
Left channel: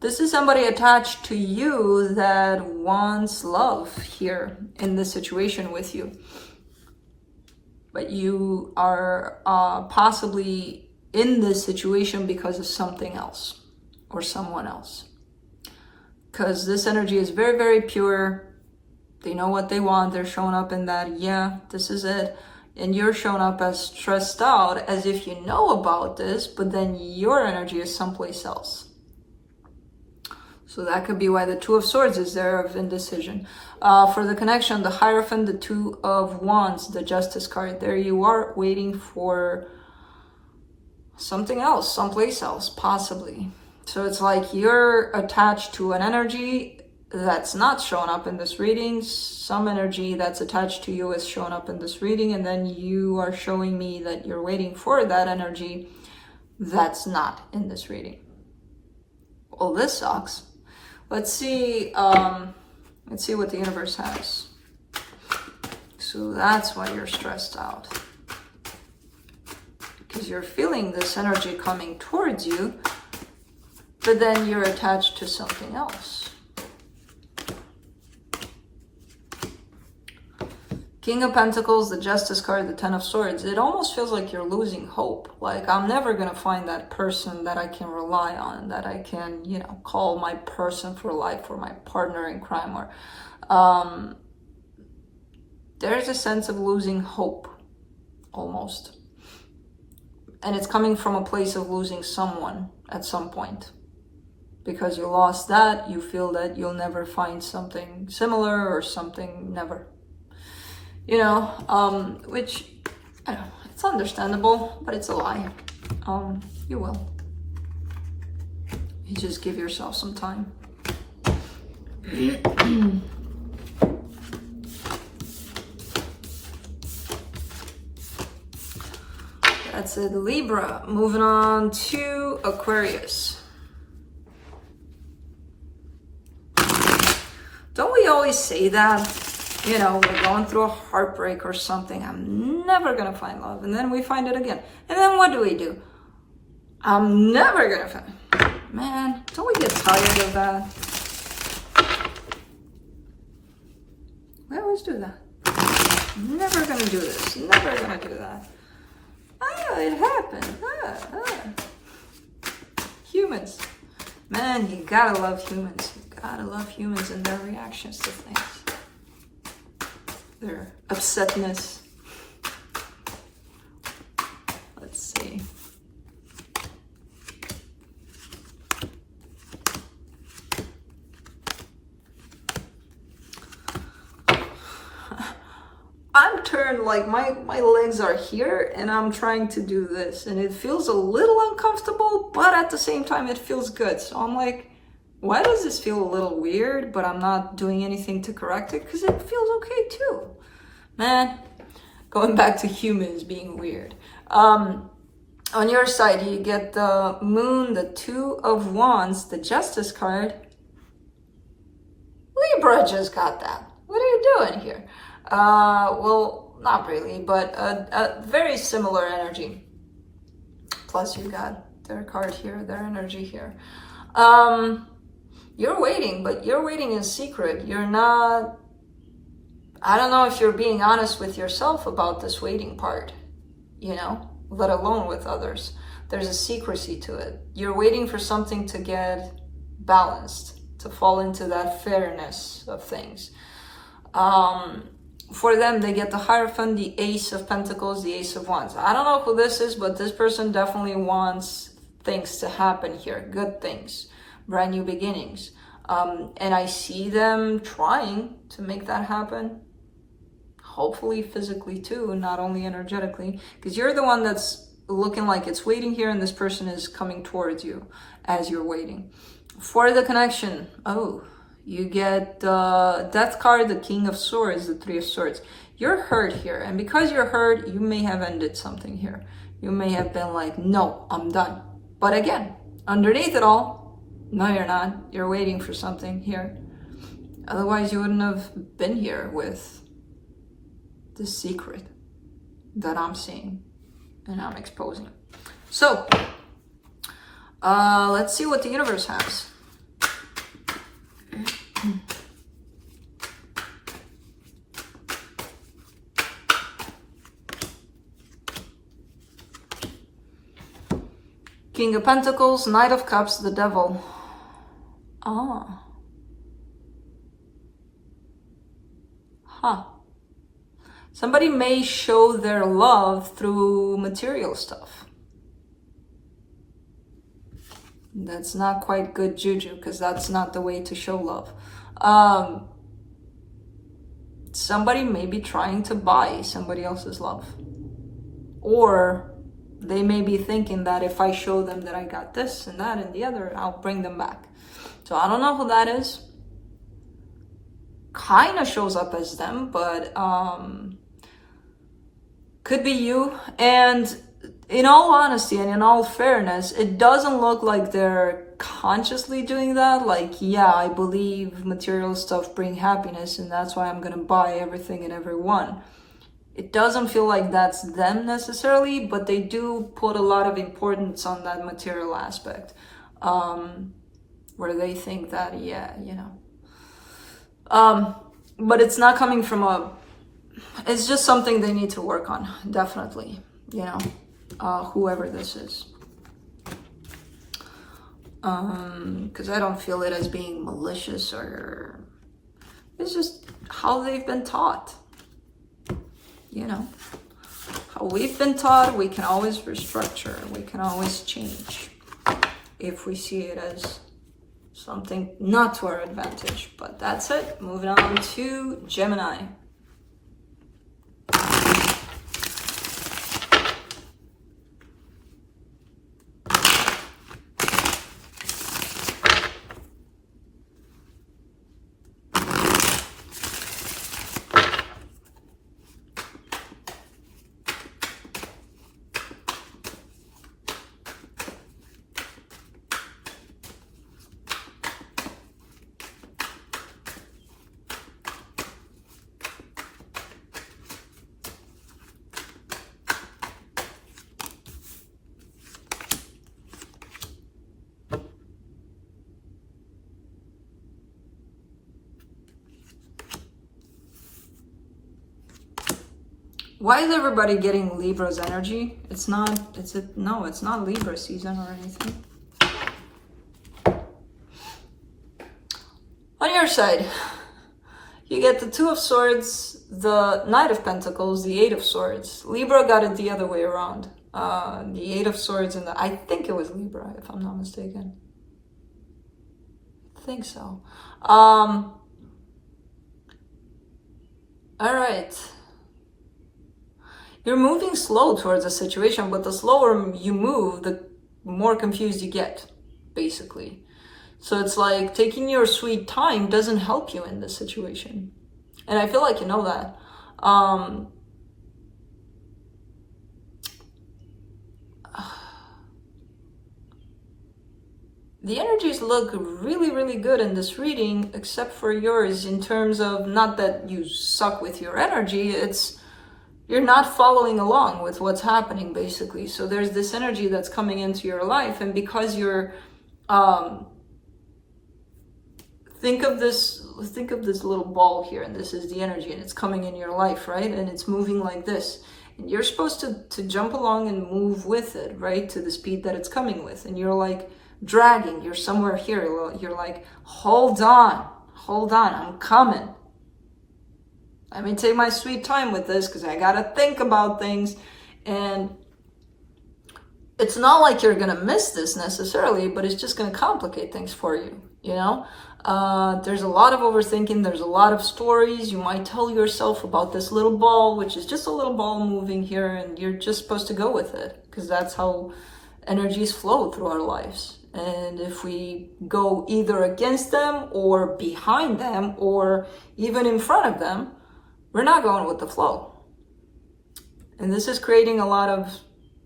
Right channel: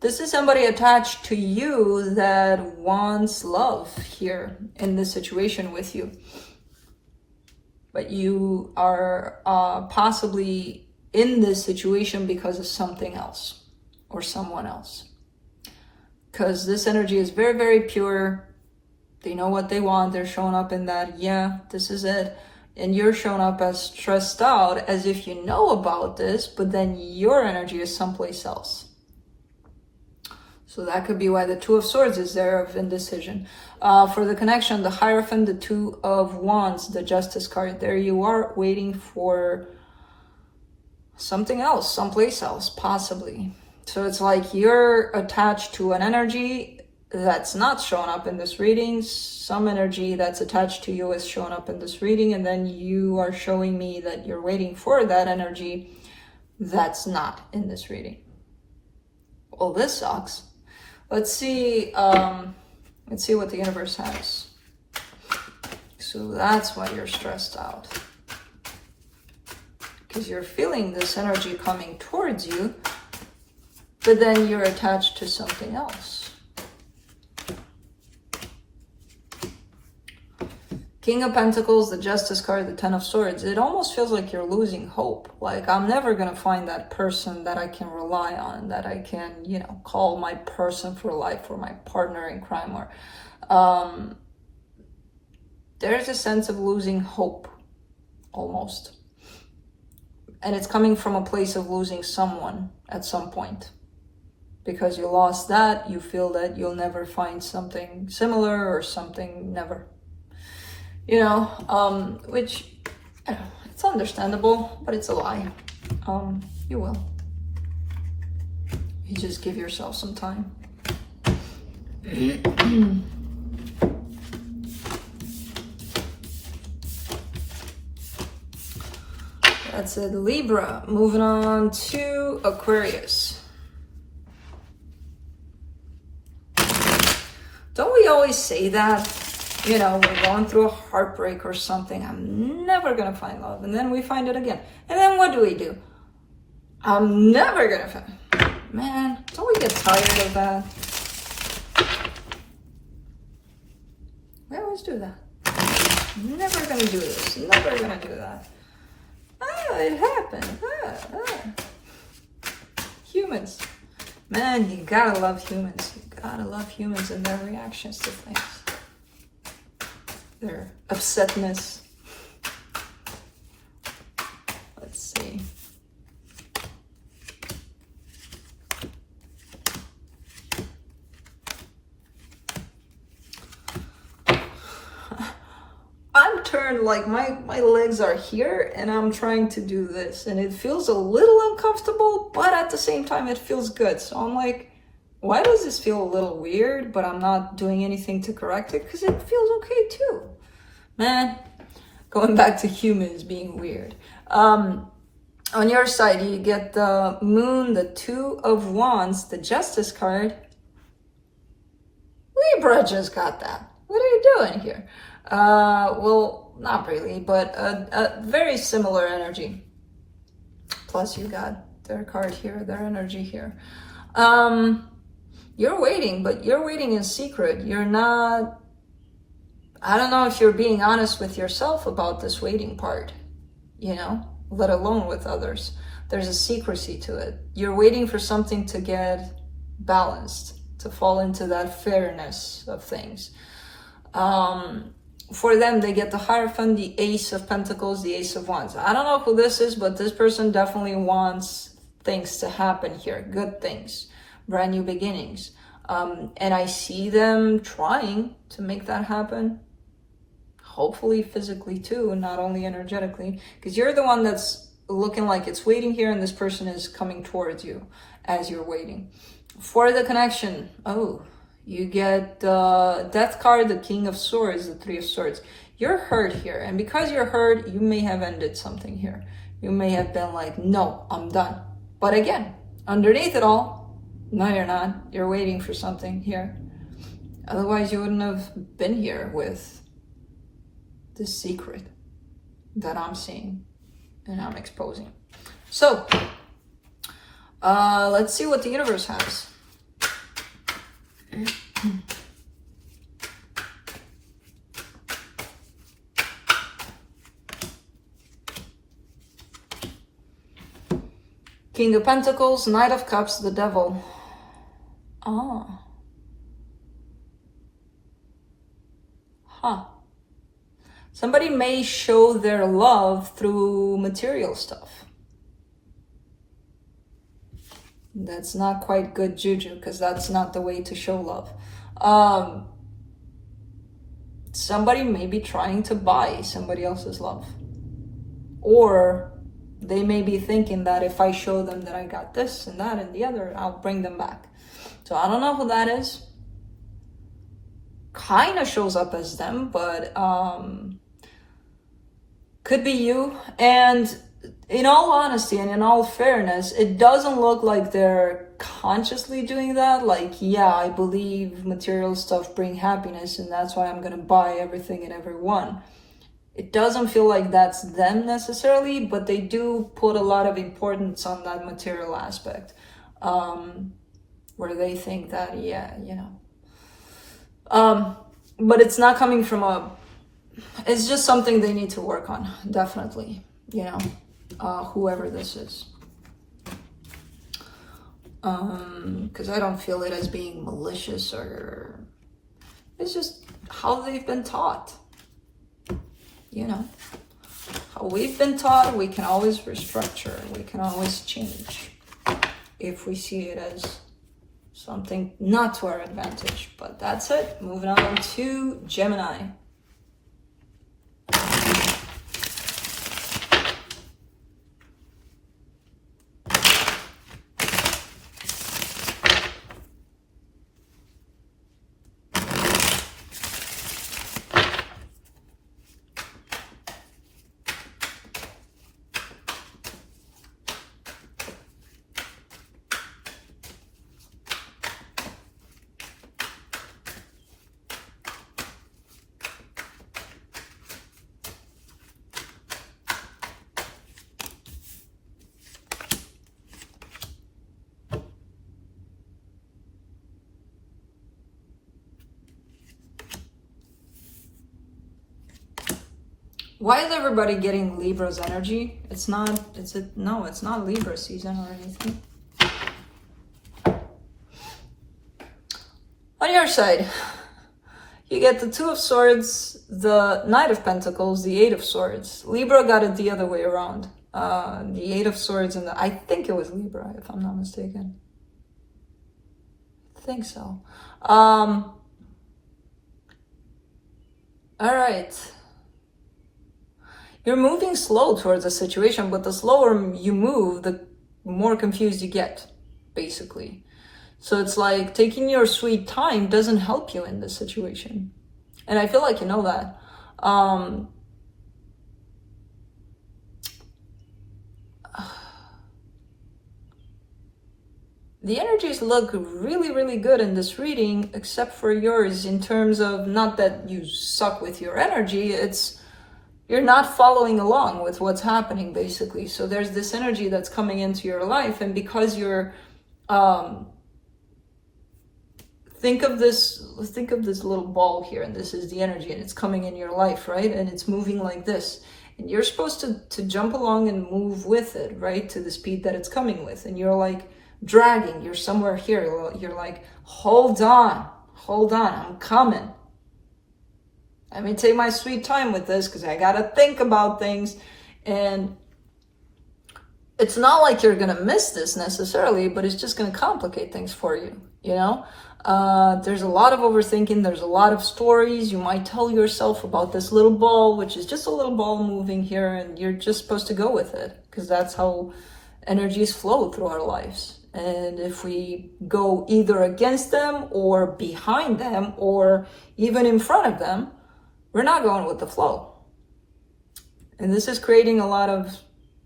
This is somebody attached to you that wants love here in this situation with you. But you are possibly in this situation because of something else or someone else. Because this energy is very, very pure. They know what they want. They're showing up in that, yeah, this is it. And you're showing up as stressed out, as if you know about this, but then your energy is someplace else. So that could be why the 2 of Swords is there of indecision. For the connection, the Hierophant, the 2 of Wands, the Justice card. There you are waiting for something else, someplace else, possibly. So it's like you're attached to an energy that's not showing up in this reading. Some energy that's attached to you is showing up in this reading, and then you are showing me that you're waiting for that energy that's not in this reading. Well, this sucks. Let's see what the universe has. So that's why you're stressed out. Because you're feeling this energy coming towards you, but then you're attached to something else. King of Pentacles, the Justice card, the 10 of Swords. It almost feels like you're losing hope. Like, I'm never going to find that person that I can rely on, that I can, you know, call my person for life or my partner in crime. Or there's a sense of losing hope, almost. And it's coming from a place of losing someone at some point. Because you lost that, you feel that you'll never find something similar or something never. You know, which, I don't know, it's understandable, but it's a lie. You will. You just give yourself some time. That's it, Libra. Moving on to Aquarius. Don't we always say that? You know, we're going through a heartbreak or something. I'm never going to find love. And then we find it again. And then what do? I'm never going to find... Man, don't we get tired of that? We always do that. Never going to do this. Never going to do that. it happened. Humans. Man, you gotta love humans. You gotta love humans and their reactions to things. Their upsetness. Let's see. I'm turned, like my legs are here and I'm trying to do this and it feels a little uncomfortable, but at the same time it feels good. So I'm like, why does this feel a little weird, but I'm not doing anything to correct it? Because it feels okay too. Man, going back to humans being weird. On your side, you get the Moon, the Two of Wands, the Justice card. Libra just got that. What are you doing here? Well, not really, but a very similar energy. Plus you got their card here, their energy here. You're waiting, but you're waiting in secret. You're not, I don't know if you're being honest with yourself about this waiting part, you know, let alone with others. There's a secrecy to it. You're waiting for something to get balanced, to fall into that fairness of things. For them, they get the Hierophant, the Ace of Pentacles, the Ace of Wands. I don't know who this is, but this person definitely wants things to happen here, good things, brand new beginnings. And I see them trying to make that happen. Hopefully physically too, not only energetically, because you're the one that's looking like it's waiting here and this person is coming towards you as you're waiting. For the connection, you get the Death card, the King of Swords, the Three of Swords. You're hurt here, and because you're hurt, you may have ended something here. You may have been like, no, I'm done. But again, underneath it all, no, you're not. You're waiting for something here. Otherwise, you wouldn't have been here with the secret that I'm seeing and I'm exposing. So, let's see what the universe has. King of Pentacles, Knight of Cups, the Devil. Somebody may show their love through material stuff. That's not quite good juju, because that's not the way to show love. Somebody may be trying to buy somebody else's love. Or they may be thinking that if I show them that I got this and that and the other, I'll bring them back. So I don't know who that is. Kind of shows up as them, but could be you. And in all honesty and in all fairness, it doesn't look like they're consciously doing that. Like, yeah, I believe material stuff bring happiness and that's why I'm gonna buy everything and everyone. It doesn't feel like that's them necessarily, but they do put a lot of importance on that material aspect, where they think that, yeah, you know. But it's not coming from it's just something they need to work on, definitely, you know, whoever this is. Because I don't feel it as being malicious, or it's just how they've been taught. You know, how we've been taught, we can always restructure, we can always change if we see it as something not to our advantage. But that's it. Moving on to Gemini. Why is everybody getting Libra's energy? It's not, no, it's not Libra season or anything. On your side, you get the Two of Swords, the Knight of Pentacles, the Eight of Swords. Libra got it the other way around. The Eight of Swords and I think it was Libra, if I'm not mistaken. I think so. All right. You're moving slow towards a situation, but the slower you move, the more confused you get, basically. So it's like taking your sweet time doesn't help you in this situation. And I feel like you know that. The energies look really, really good in this reading, except for yours in terms of not that you suck with your energy, it's you're not following along with what's happening, basically. So there's this energy that's coming into your life, and because you're think of this little ball here, and this is the energy, and it's coming in your life, right? And it's moving like this. And you're supposed to jump along and move with it, right? To the speed that it's coming with. And you're like dragging, you're somewhere here. You're like, hold on, I'm coming. Let me take my sweet time with this because I got to think about things. And it's not like you're going to miss this necessarily, but it's just going to complicate things for you, you know? There's a lot of overthinking. There's a lot of stories you might tell yourself about this little ball, which is just a little ball moving here, and you're just supposed to go with it because that's how energies flow through our lives. And if we go either against them or behind them or even in front of them, we're not going with the flow. And this is creating a lot of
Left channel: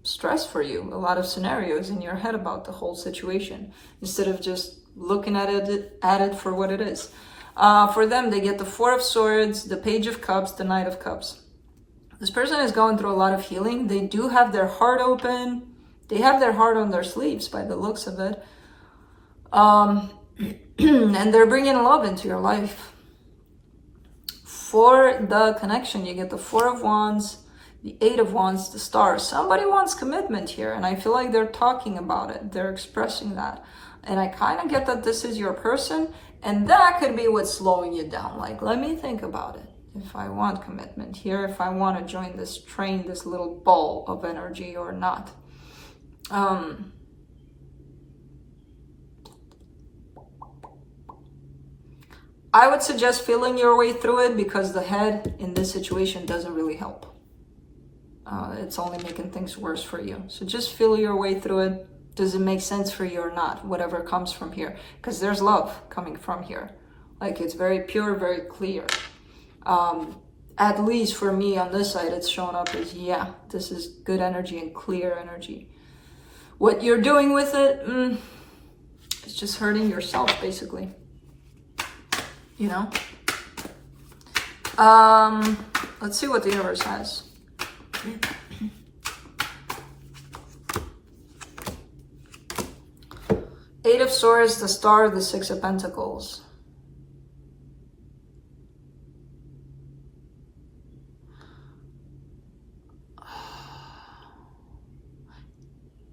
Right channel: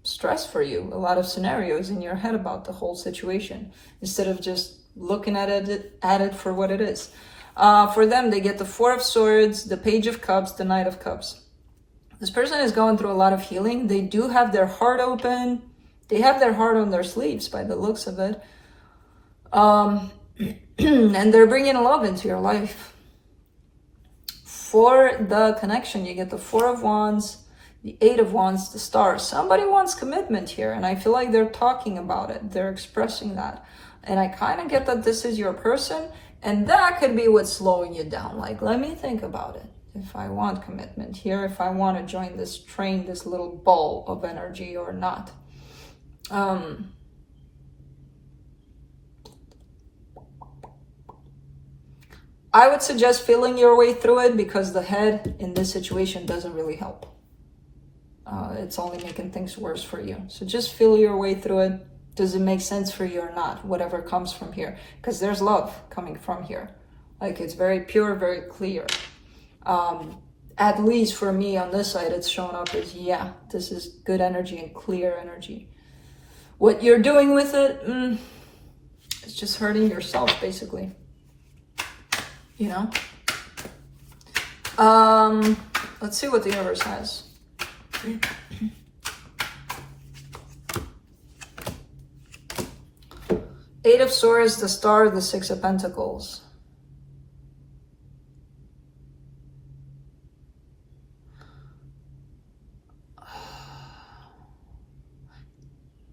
stress for you, a lot of scenarios in your head about the whole situation, instead of just looking at it for what it is. For them, they get the Four of Swords, the Page of Cups, the Knight of Cups. This person is going through a lot of healing. They do have their heart open. They have their heart on their sleeves by the looks of it. And they're bringing love into your life. For the connection, you get the Four of Wands, the Eight of Wands, the Star. Somebody wants commitment here, and I feel like they're talking about it. They're expressing that. And I kind of get that this is your person, and that could be what's slowing you down. Like, let me think about it. If I want commitment here, if I want to join this train, this little ball of energy or not. I would suggest feeling your way through it because the head in this situation doesn't really help. It's only making things worse for you. So just feel your way through it. Does it make sense for you or not? Whatever comes from here. Because there's love coming from here. Like, it's very pure, very clear. At least for me on this side, it's showing up as, yeah, this is good energy and clear energy. What you're doing with it, it's just hurting yourself, basically. You know? Let's see what the universe has. Eight of Swords, the Star, the Six of Pentacles.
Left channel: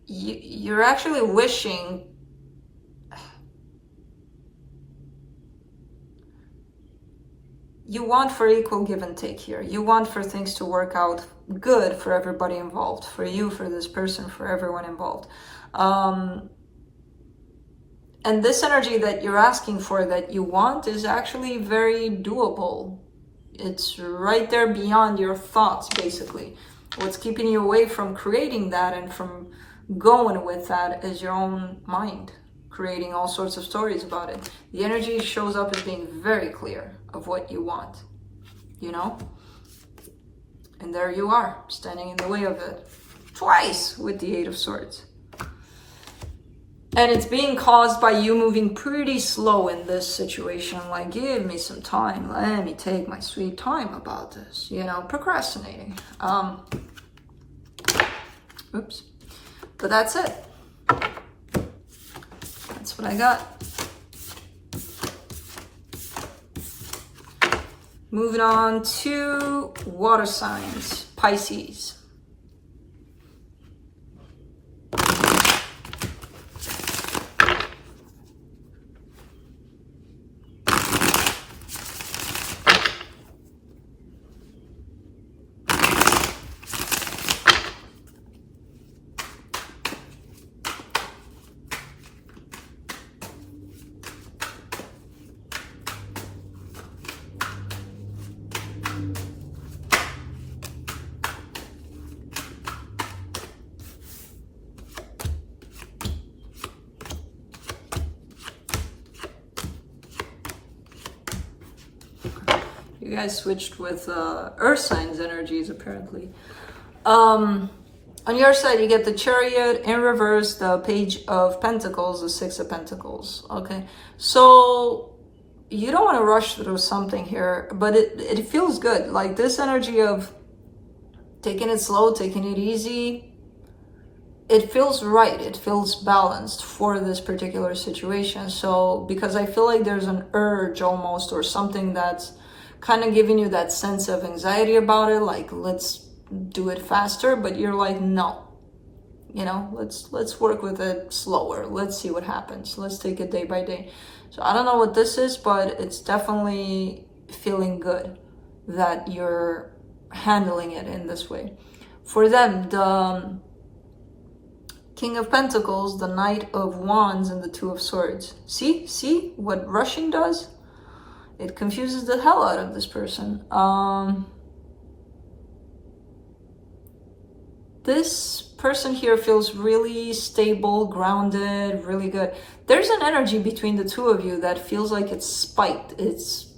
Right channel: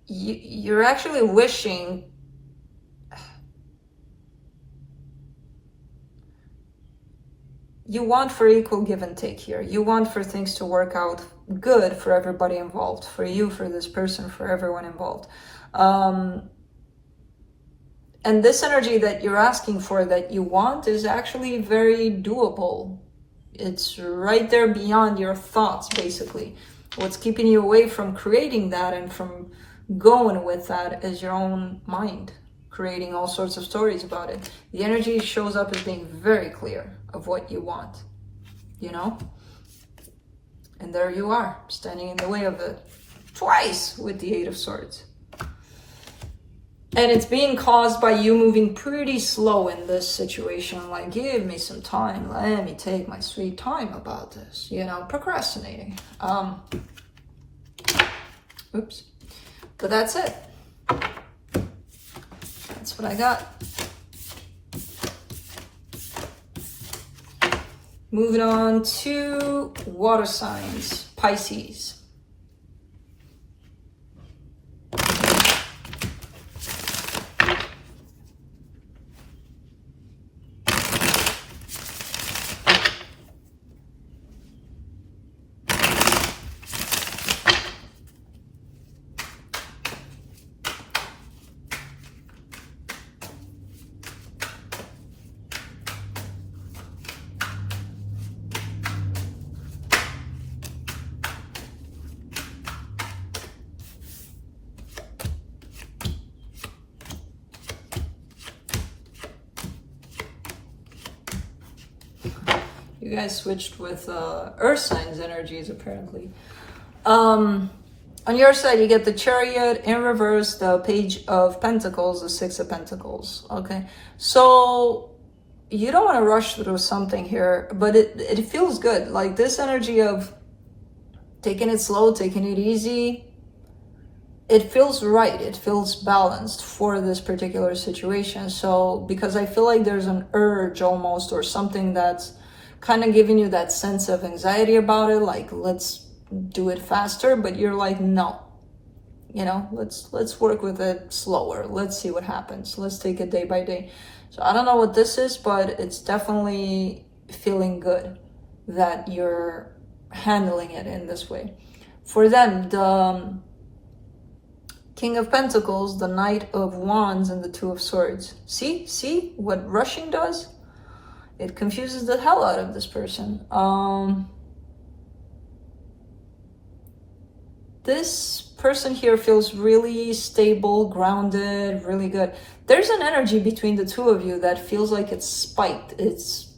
You're actually wishing you want for equal give and take here. You want for things to work out good for everybody involved, for you, for this person, for everyone involved. And this energy that you're asking for, that you want, is actually very doable. It's right there beyond your thoughts, basically. What's keeping you away from creating that and from going with that is your own mind, creating all sorts of stories about it. The energy shows up as being very clear of what you want, you know? And there you are, standing in the way of it twice with the Eight of Swords. And it's being caused by you moving pretty slow in this situation. Like, give me some time. Let me take my sweet time about this. You know, procrastinating. Oops. But that's it. That's what I got. Moving on to water signs. Pisces. You guys switched with earth signs energies, apparently. On your side, you get the Chariot in reverse, the Page of Pentacles, the Six of Pentacles. Okay, so you don't want to rush through something here, but it feels good. Like this energy of taking it slow, taking it easy, it feels right. It feels balanced for this particular situation. So because I feel like there's an urge almost, or something that's kind of giving you that sense of anxiety about it, like let's do it faster, but you're like, no, you know, let's work with it slower. Let's see what happens. Let's take it day by day. So I don't know what this is, but it's definitely feeling good that you're handling it in this way. For them, the King of Pentacles, the Knight of Wands, and the Two of Swords. See what rushing does? It confuses the hell out of this person. This person here feels really stable, grounded, really good. There's an energy between the two of you that feels like it's spiked. It's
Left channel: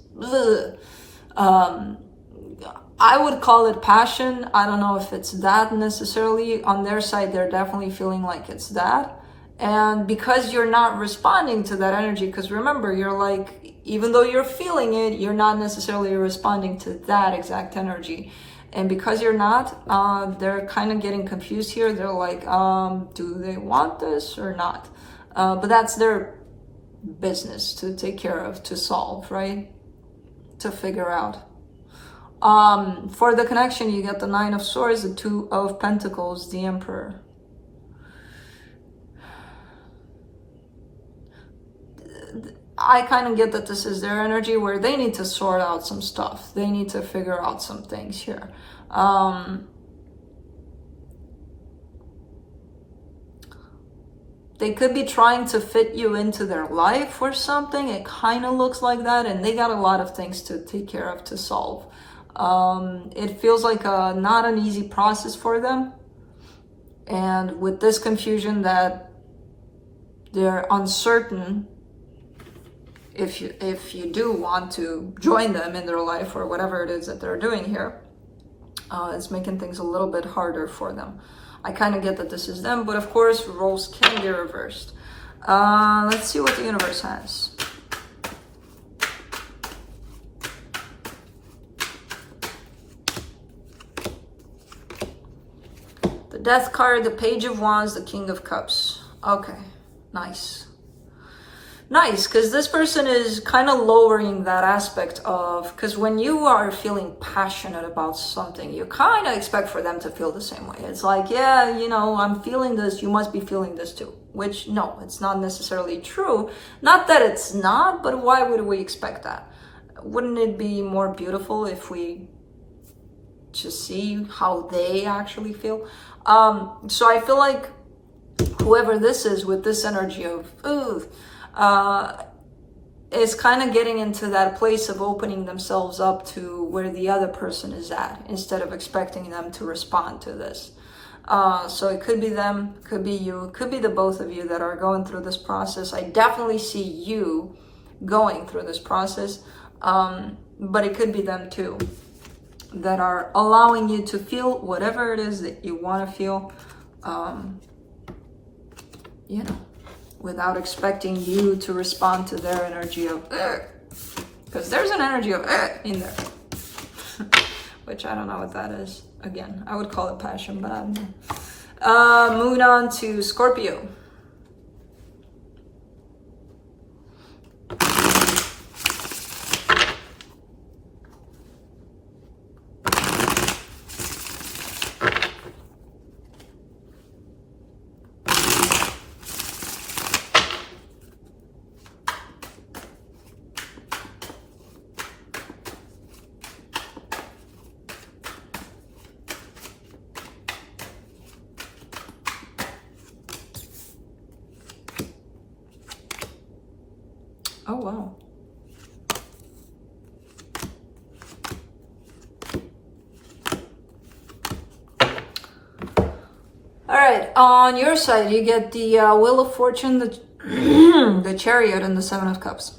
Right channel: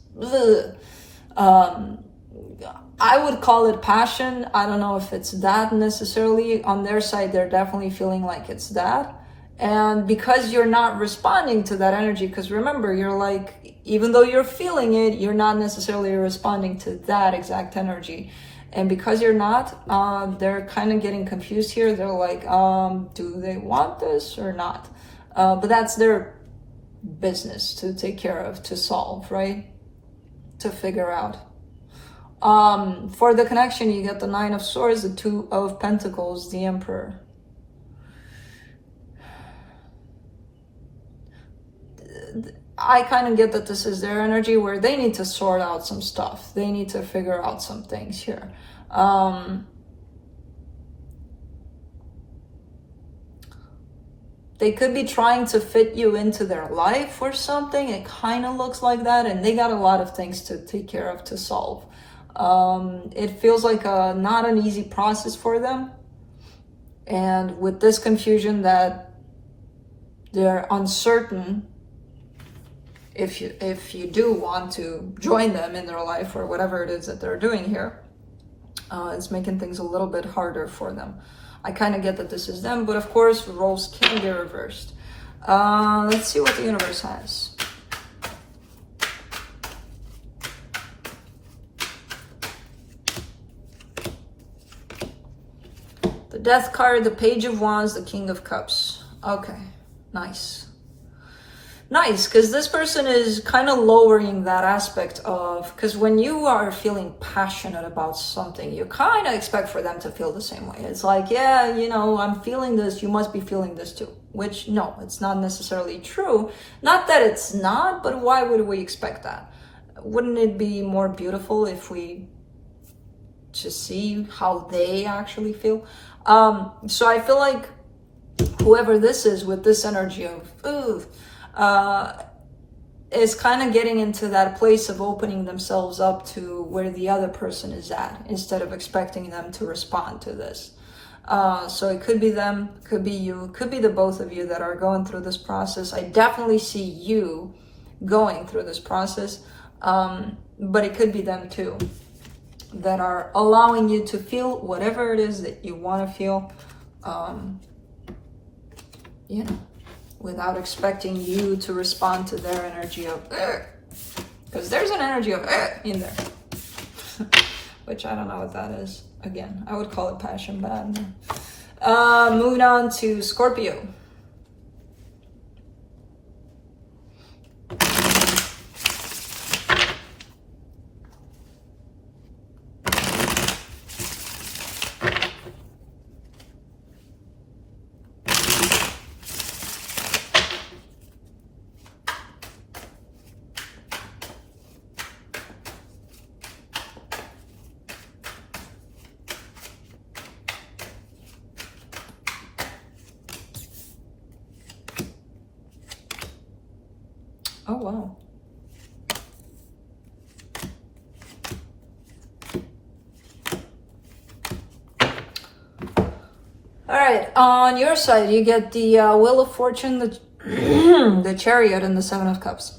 I would call it passion. I don't know if it's that necessarily. On their side, they're definitely feeling like it's that. And because you're not responding to that energy, because remember, you're like, even though you're feeling it, you're not necessarily responding to that exact energy. And because you're not, they're kind of getting confused here. They're like, do they want this or not? But that's their business to take care of, to solve, right? To figure out. For the connection, you get the Nine of Swords, the Two of Pentacles, the Emperor. I kind of get that this is their energy where they need to sort out some stuff. They need to figure out some things here. They could be trying to fit you into their life or something. It kind of looks like that. And they got a lot of things to take care of, to solve. It feels like not an easy process for them. And with this confusion that they're uncertain if you do want to join them in their life or whatever it is that they're doing here, it's making things a little bit harder for them. I kind of get that this is them, but of course, roles can be reversed. Let's see what the universe has. The Death card, the Page of Wands, the King of Cups. Okay, nice. Nice, because this person is kind of lowering that aspect of, because when you are feeling passionate about something, you kind of expect for them to feel the same way. It's like, yeah, you know, I'm feeling this, you must be feeling this too. Which, no, it's not necessarily true. Not that it's not, but why would we expect that? Wouldn't it be more beautiful if we just see how they actually feel? So I feel like whoever this is with this energy of, is kind of getting into that place of opening themselves up to where the other person is at, instead of expecting them to respond to this. So it could be them, could be you, could be the both of you that are going through this process. I definitely see you going through this process, but it could be them too, that are allowing you to feel whatever it is that you want to feel, you know, without expecting you to respond to their energy of, because there's an energy of in there, which I don't know what that is. Again, I would call it passion, but I don't know. Moving on to Scorpio. Oh, wow. All right, on your side, you get the Wheel of Fortune, the, the Chariot, and the Seven of Cups.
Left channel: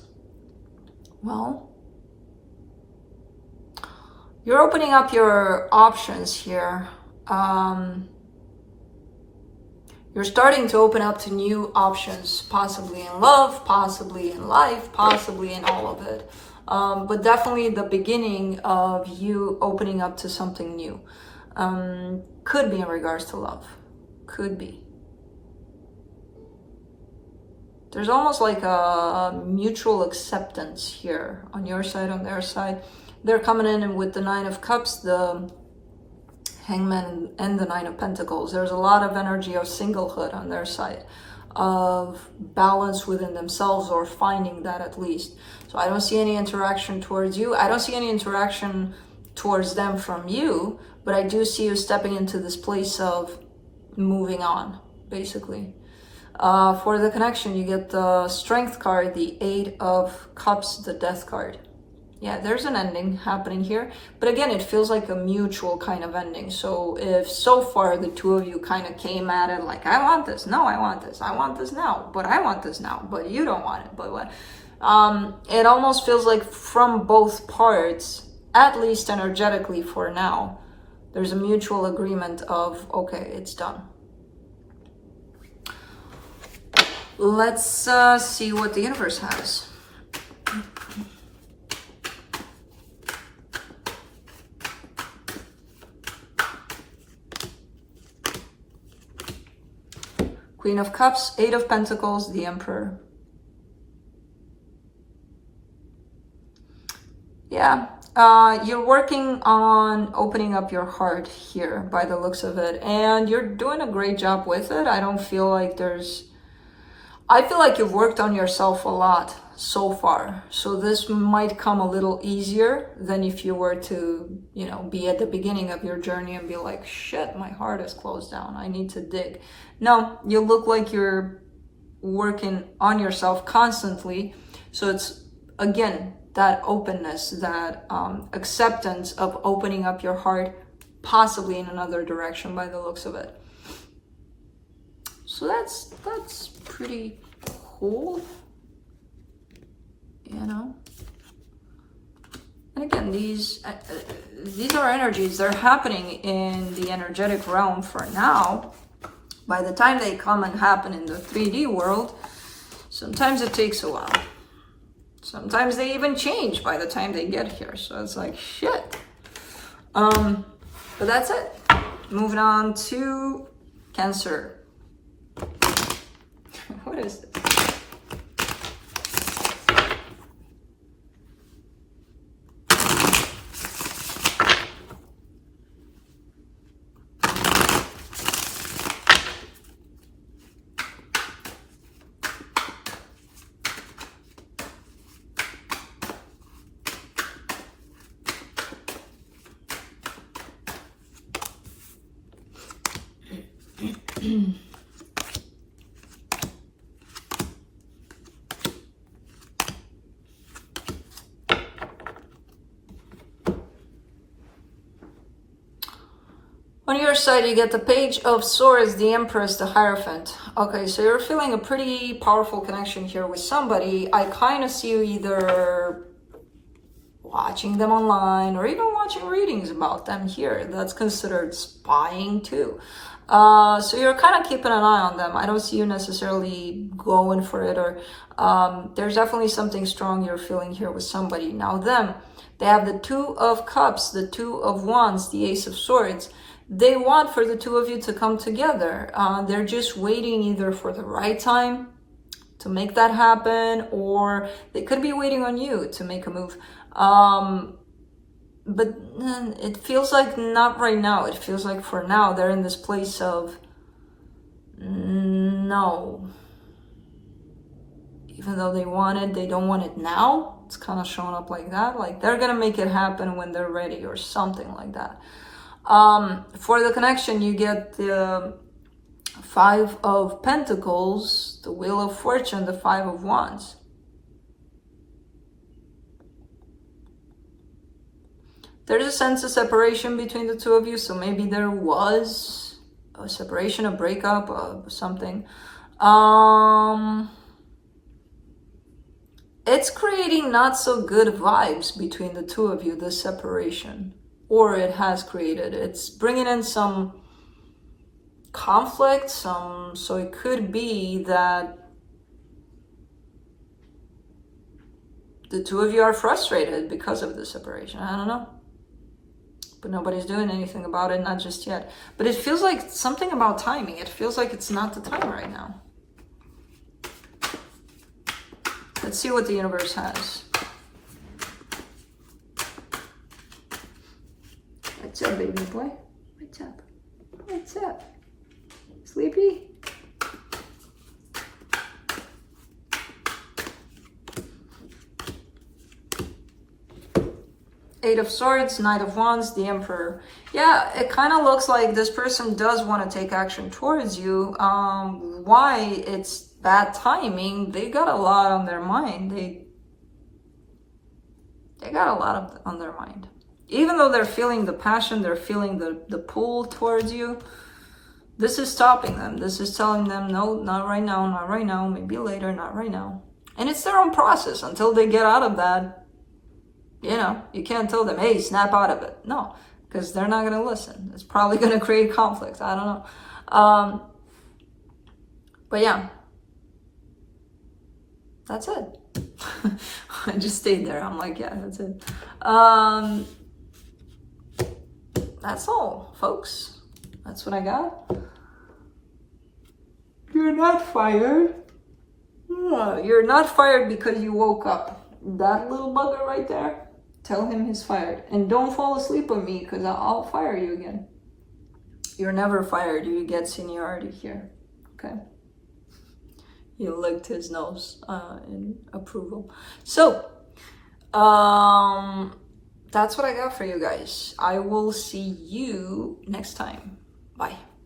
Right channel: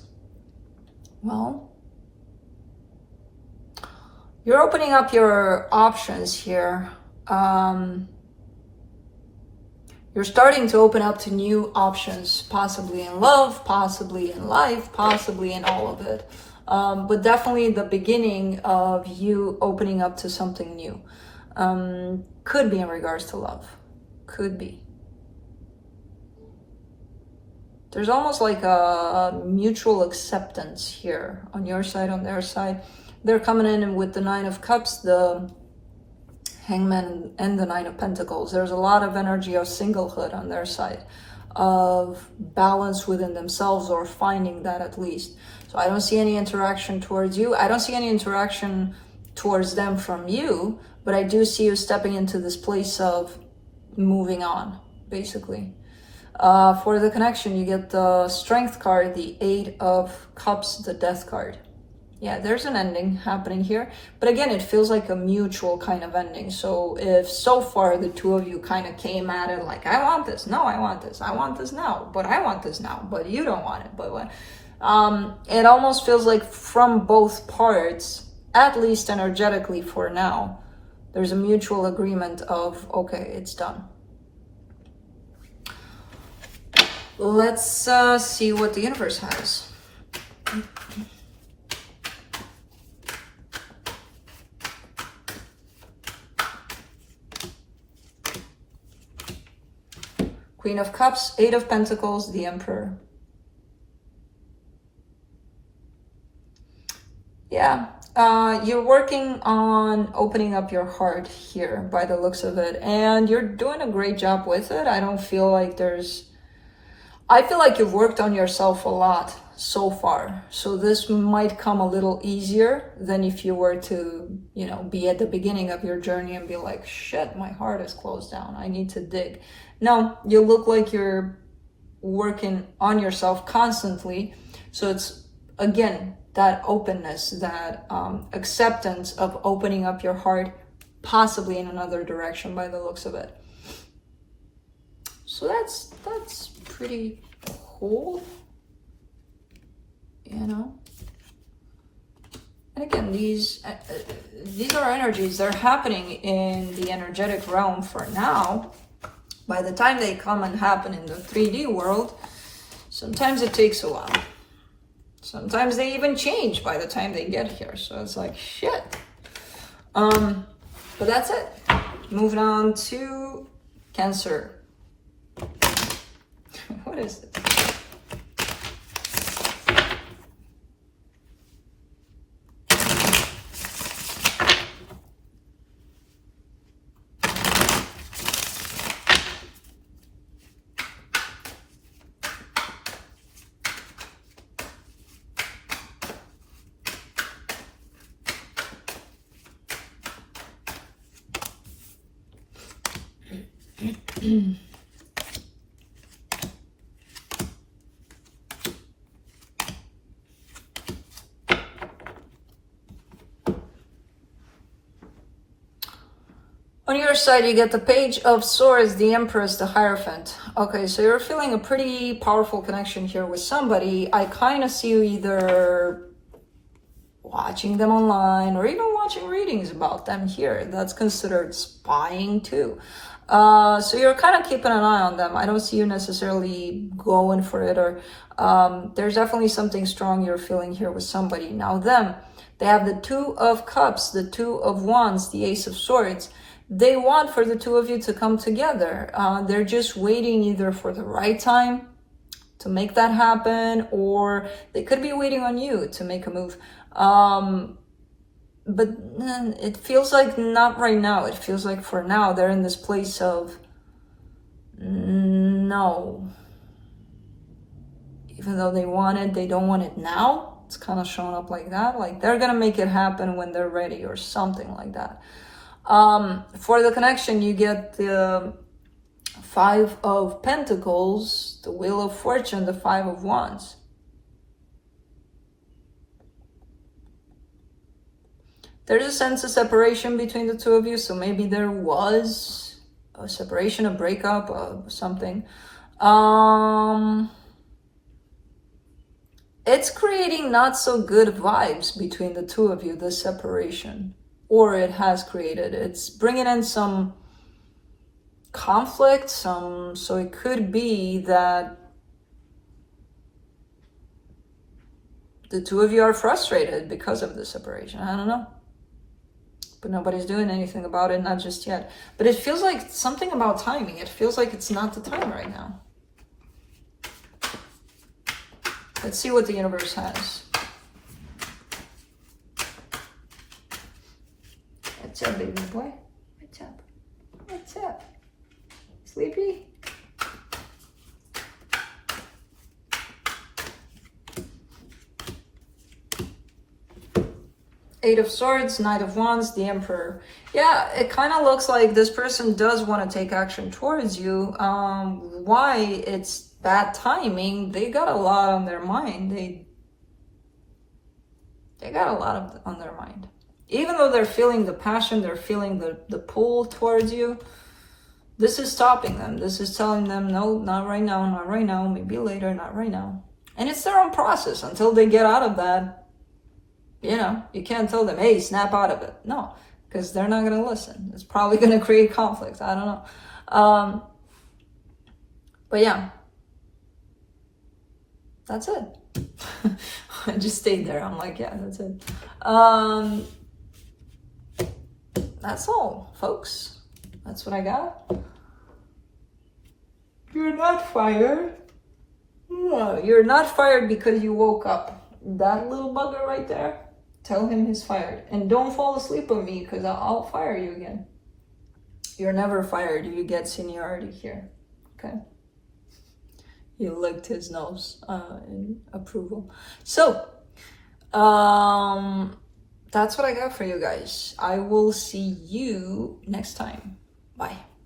Well, you're opening up your options here. You're starting to open up to new options, possibly in love, possibly in life, possibly in all of it. But definitely the beginning of you opening up to something new. Could be in regards to love. Could be. There's almost like a mutual acceptance here on your side, on their side. They're coming in with the Nine of Cups, the Hangman, and the Nine of Pentacles. There's a lot of energy of singlehood on their side, of balance within themselves, or finding that at least. So I don't see any interaction towards you. I don't see any interaction towards them from you, but I do see you stepping into this place of moving on, basically. For the connection, you get the Strength card, the Eight of Cups, the Death card. Yeah, there's an ending happening here. But again, it feels like a mutual kind of ending. So if so far the two of you kind of came at it like, I want this, no, I want this, I want this now, but I want this now, but you don't want it. But what? It almost feels like from both parts, at least energetically for now, there's a mutual agreement of, okay, it's done. Let's see what the universe has. Queen of Cups, Eight of Pentacles, the Emperor. Yeah, you're working on opening up your heart here by the looks of it. And you're doing a great job with it. I don't feel like there's... I feel like you've worked on yourself a lot so far. So this might come a little easier than if you were to, you know, be at the beginning of your journey and be like, shit, my heart is closed down. I need to dig. No, you look like you're working on yourself constantly. So it's, again, that openness, that acceptance of opening up your heart, possibly in another direction by the looks of it. So that's pretty cool, you know. And again, these are energies. They're happening in the energetic realm for now. By the time they come and happen in the 3D world, sometimes it takes a while. Sometimes they even change by the time they get here. So it's like, shit. But that's it. Moving on to Cancer. What is it? On your side, you get the Page of Swords, the Empress, the Hierophant. Okay, so you're feeling a pretty powerful connection here with somebody. I kind of see you either watching them online or even watching readings about them here. That's considered spying too. So you're kind of keeping an eye on them. I don't see you necessarily going for it, or there's definitely something strong you're feeling here with somebody. Now them, they have the Two of Cups, the Two of Wands, the Ace of Swords. They want for the two of you to come together. They're just waiting either for the right time to make that happen, or they could be waiting on you to make a move. But it feels like not right now. It feels like for now they're in this place of no. Even though they want it, they don't want it now. It's kind of showing up like that. Like they're gonna make it happen when they're ready or something like that. For the connection, you get the Five of Pentacles, the Wheel of Fortune, the Five of Wands. There's a sense of separation between the two of you, so maybe there was a separation, a breakup, something. It's creating not so good vibes between the two of you, this separation. Or it has created. It's bringing in some conflict, so it could be that the two of you are frustrated because of the separation. I don't know. But nobody's doing anything about it, not just yet. But it feels like something about timing. It feels like it's not the time right now. Let's see what the universe has. What's up, baby boy? What's up? What's up? Sleepy? Eight of Swords, Knight of Wands, the Emperor. Yeah, it kind of looks like this person does want to take action towards you. Why it's bad timing? They got a lot on their mind. They got a lot on their mind. Even though they're feeling the passion, they're feeling the pull towards you, this is stopping them. This is telling them, no, not right now, not right now, maybe later, not right now. And it's their own process until they get out of that. You know, you can't tell them, hey, snap out of it. No, because they're not going to listen. It's probably going to create conflict. I don't know. But yeah, that's it. I just stayed there. I'm like, yeah, that's it. That's all, folks. That's what I got. You're not fired. No, you're not fired because you woke up. That little bugger right there, tell him he's fired. And don't fall asleep on me because I'll fire you again. You're never fired. You get seniority here. Okay? He licked his nose in approval. So, that's what I got for you guys. I will see you next time. Bye.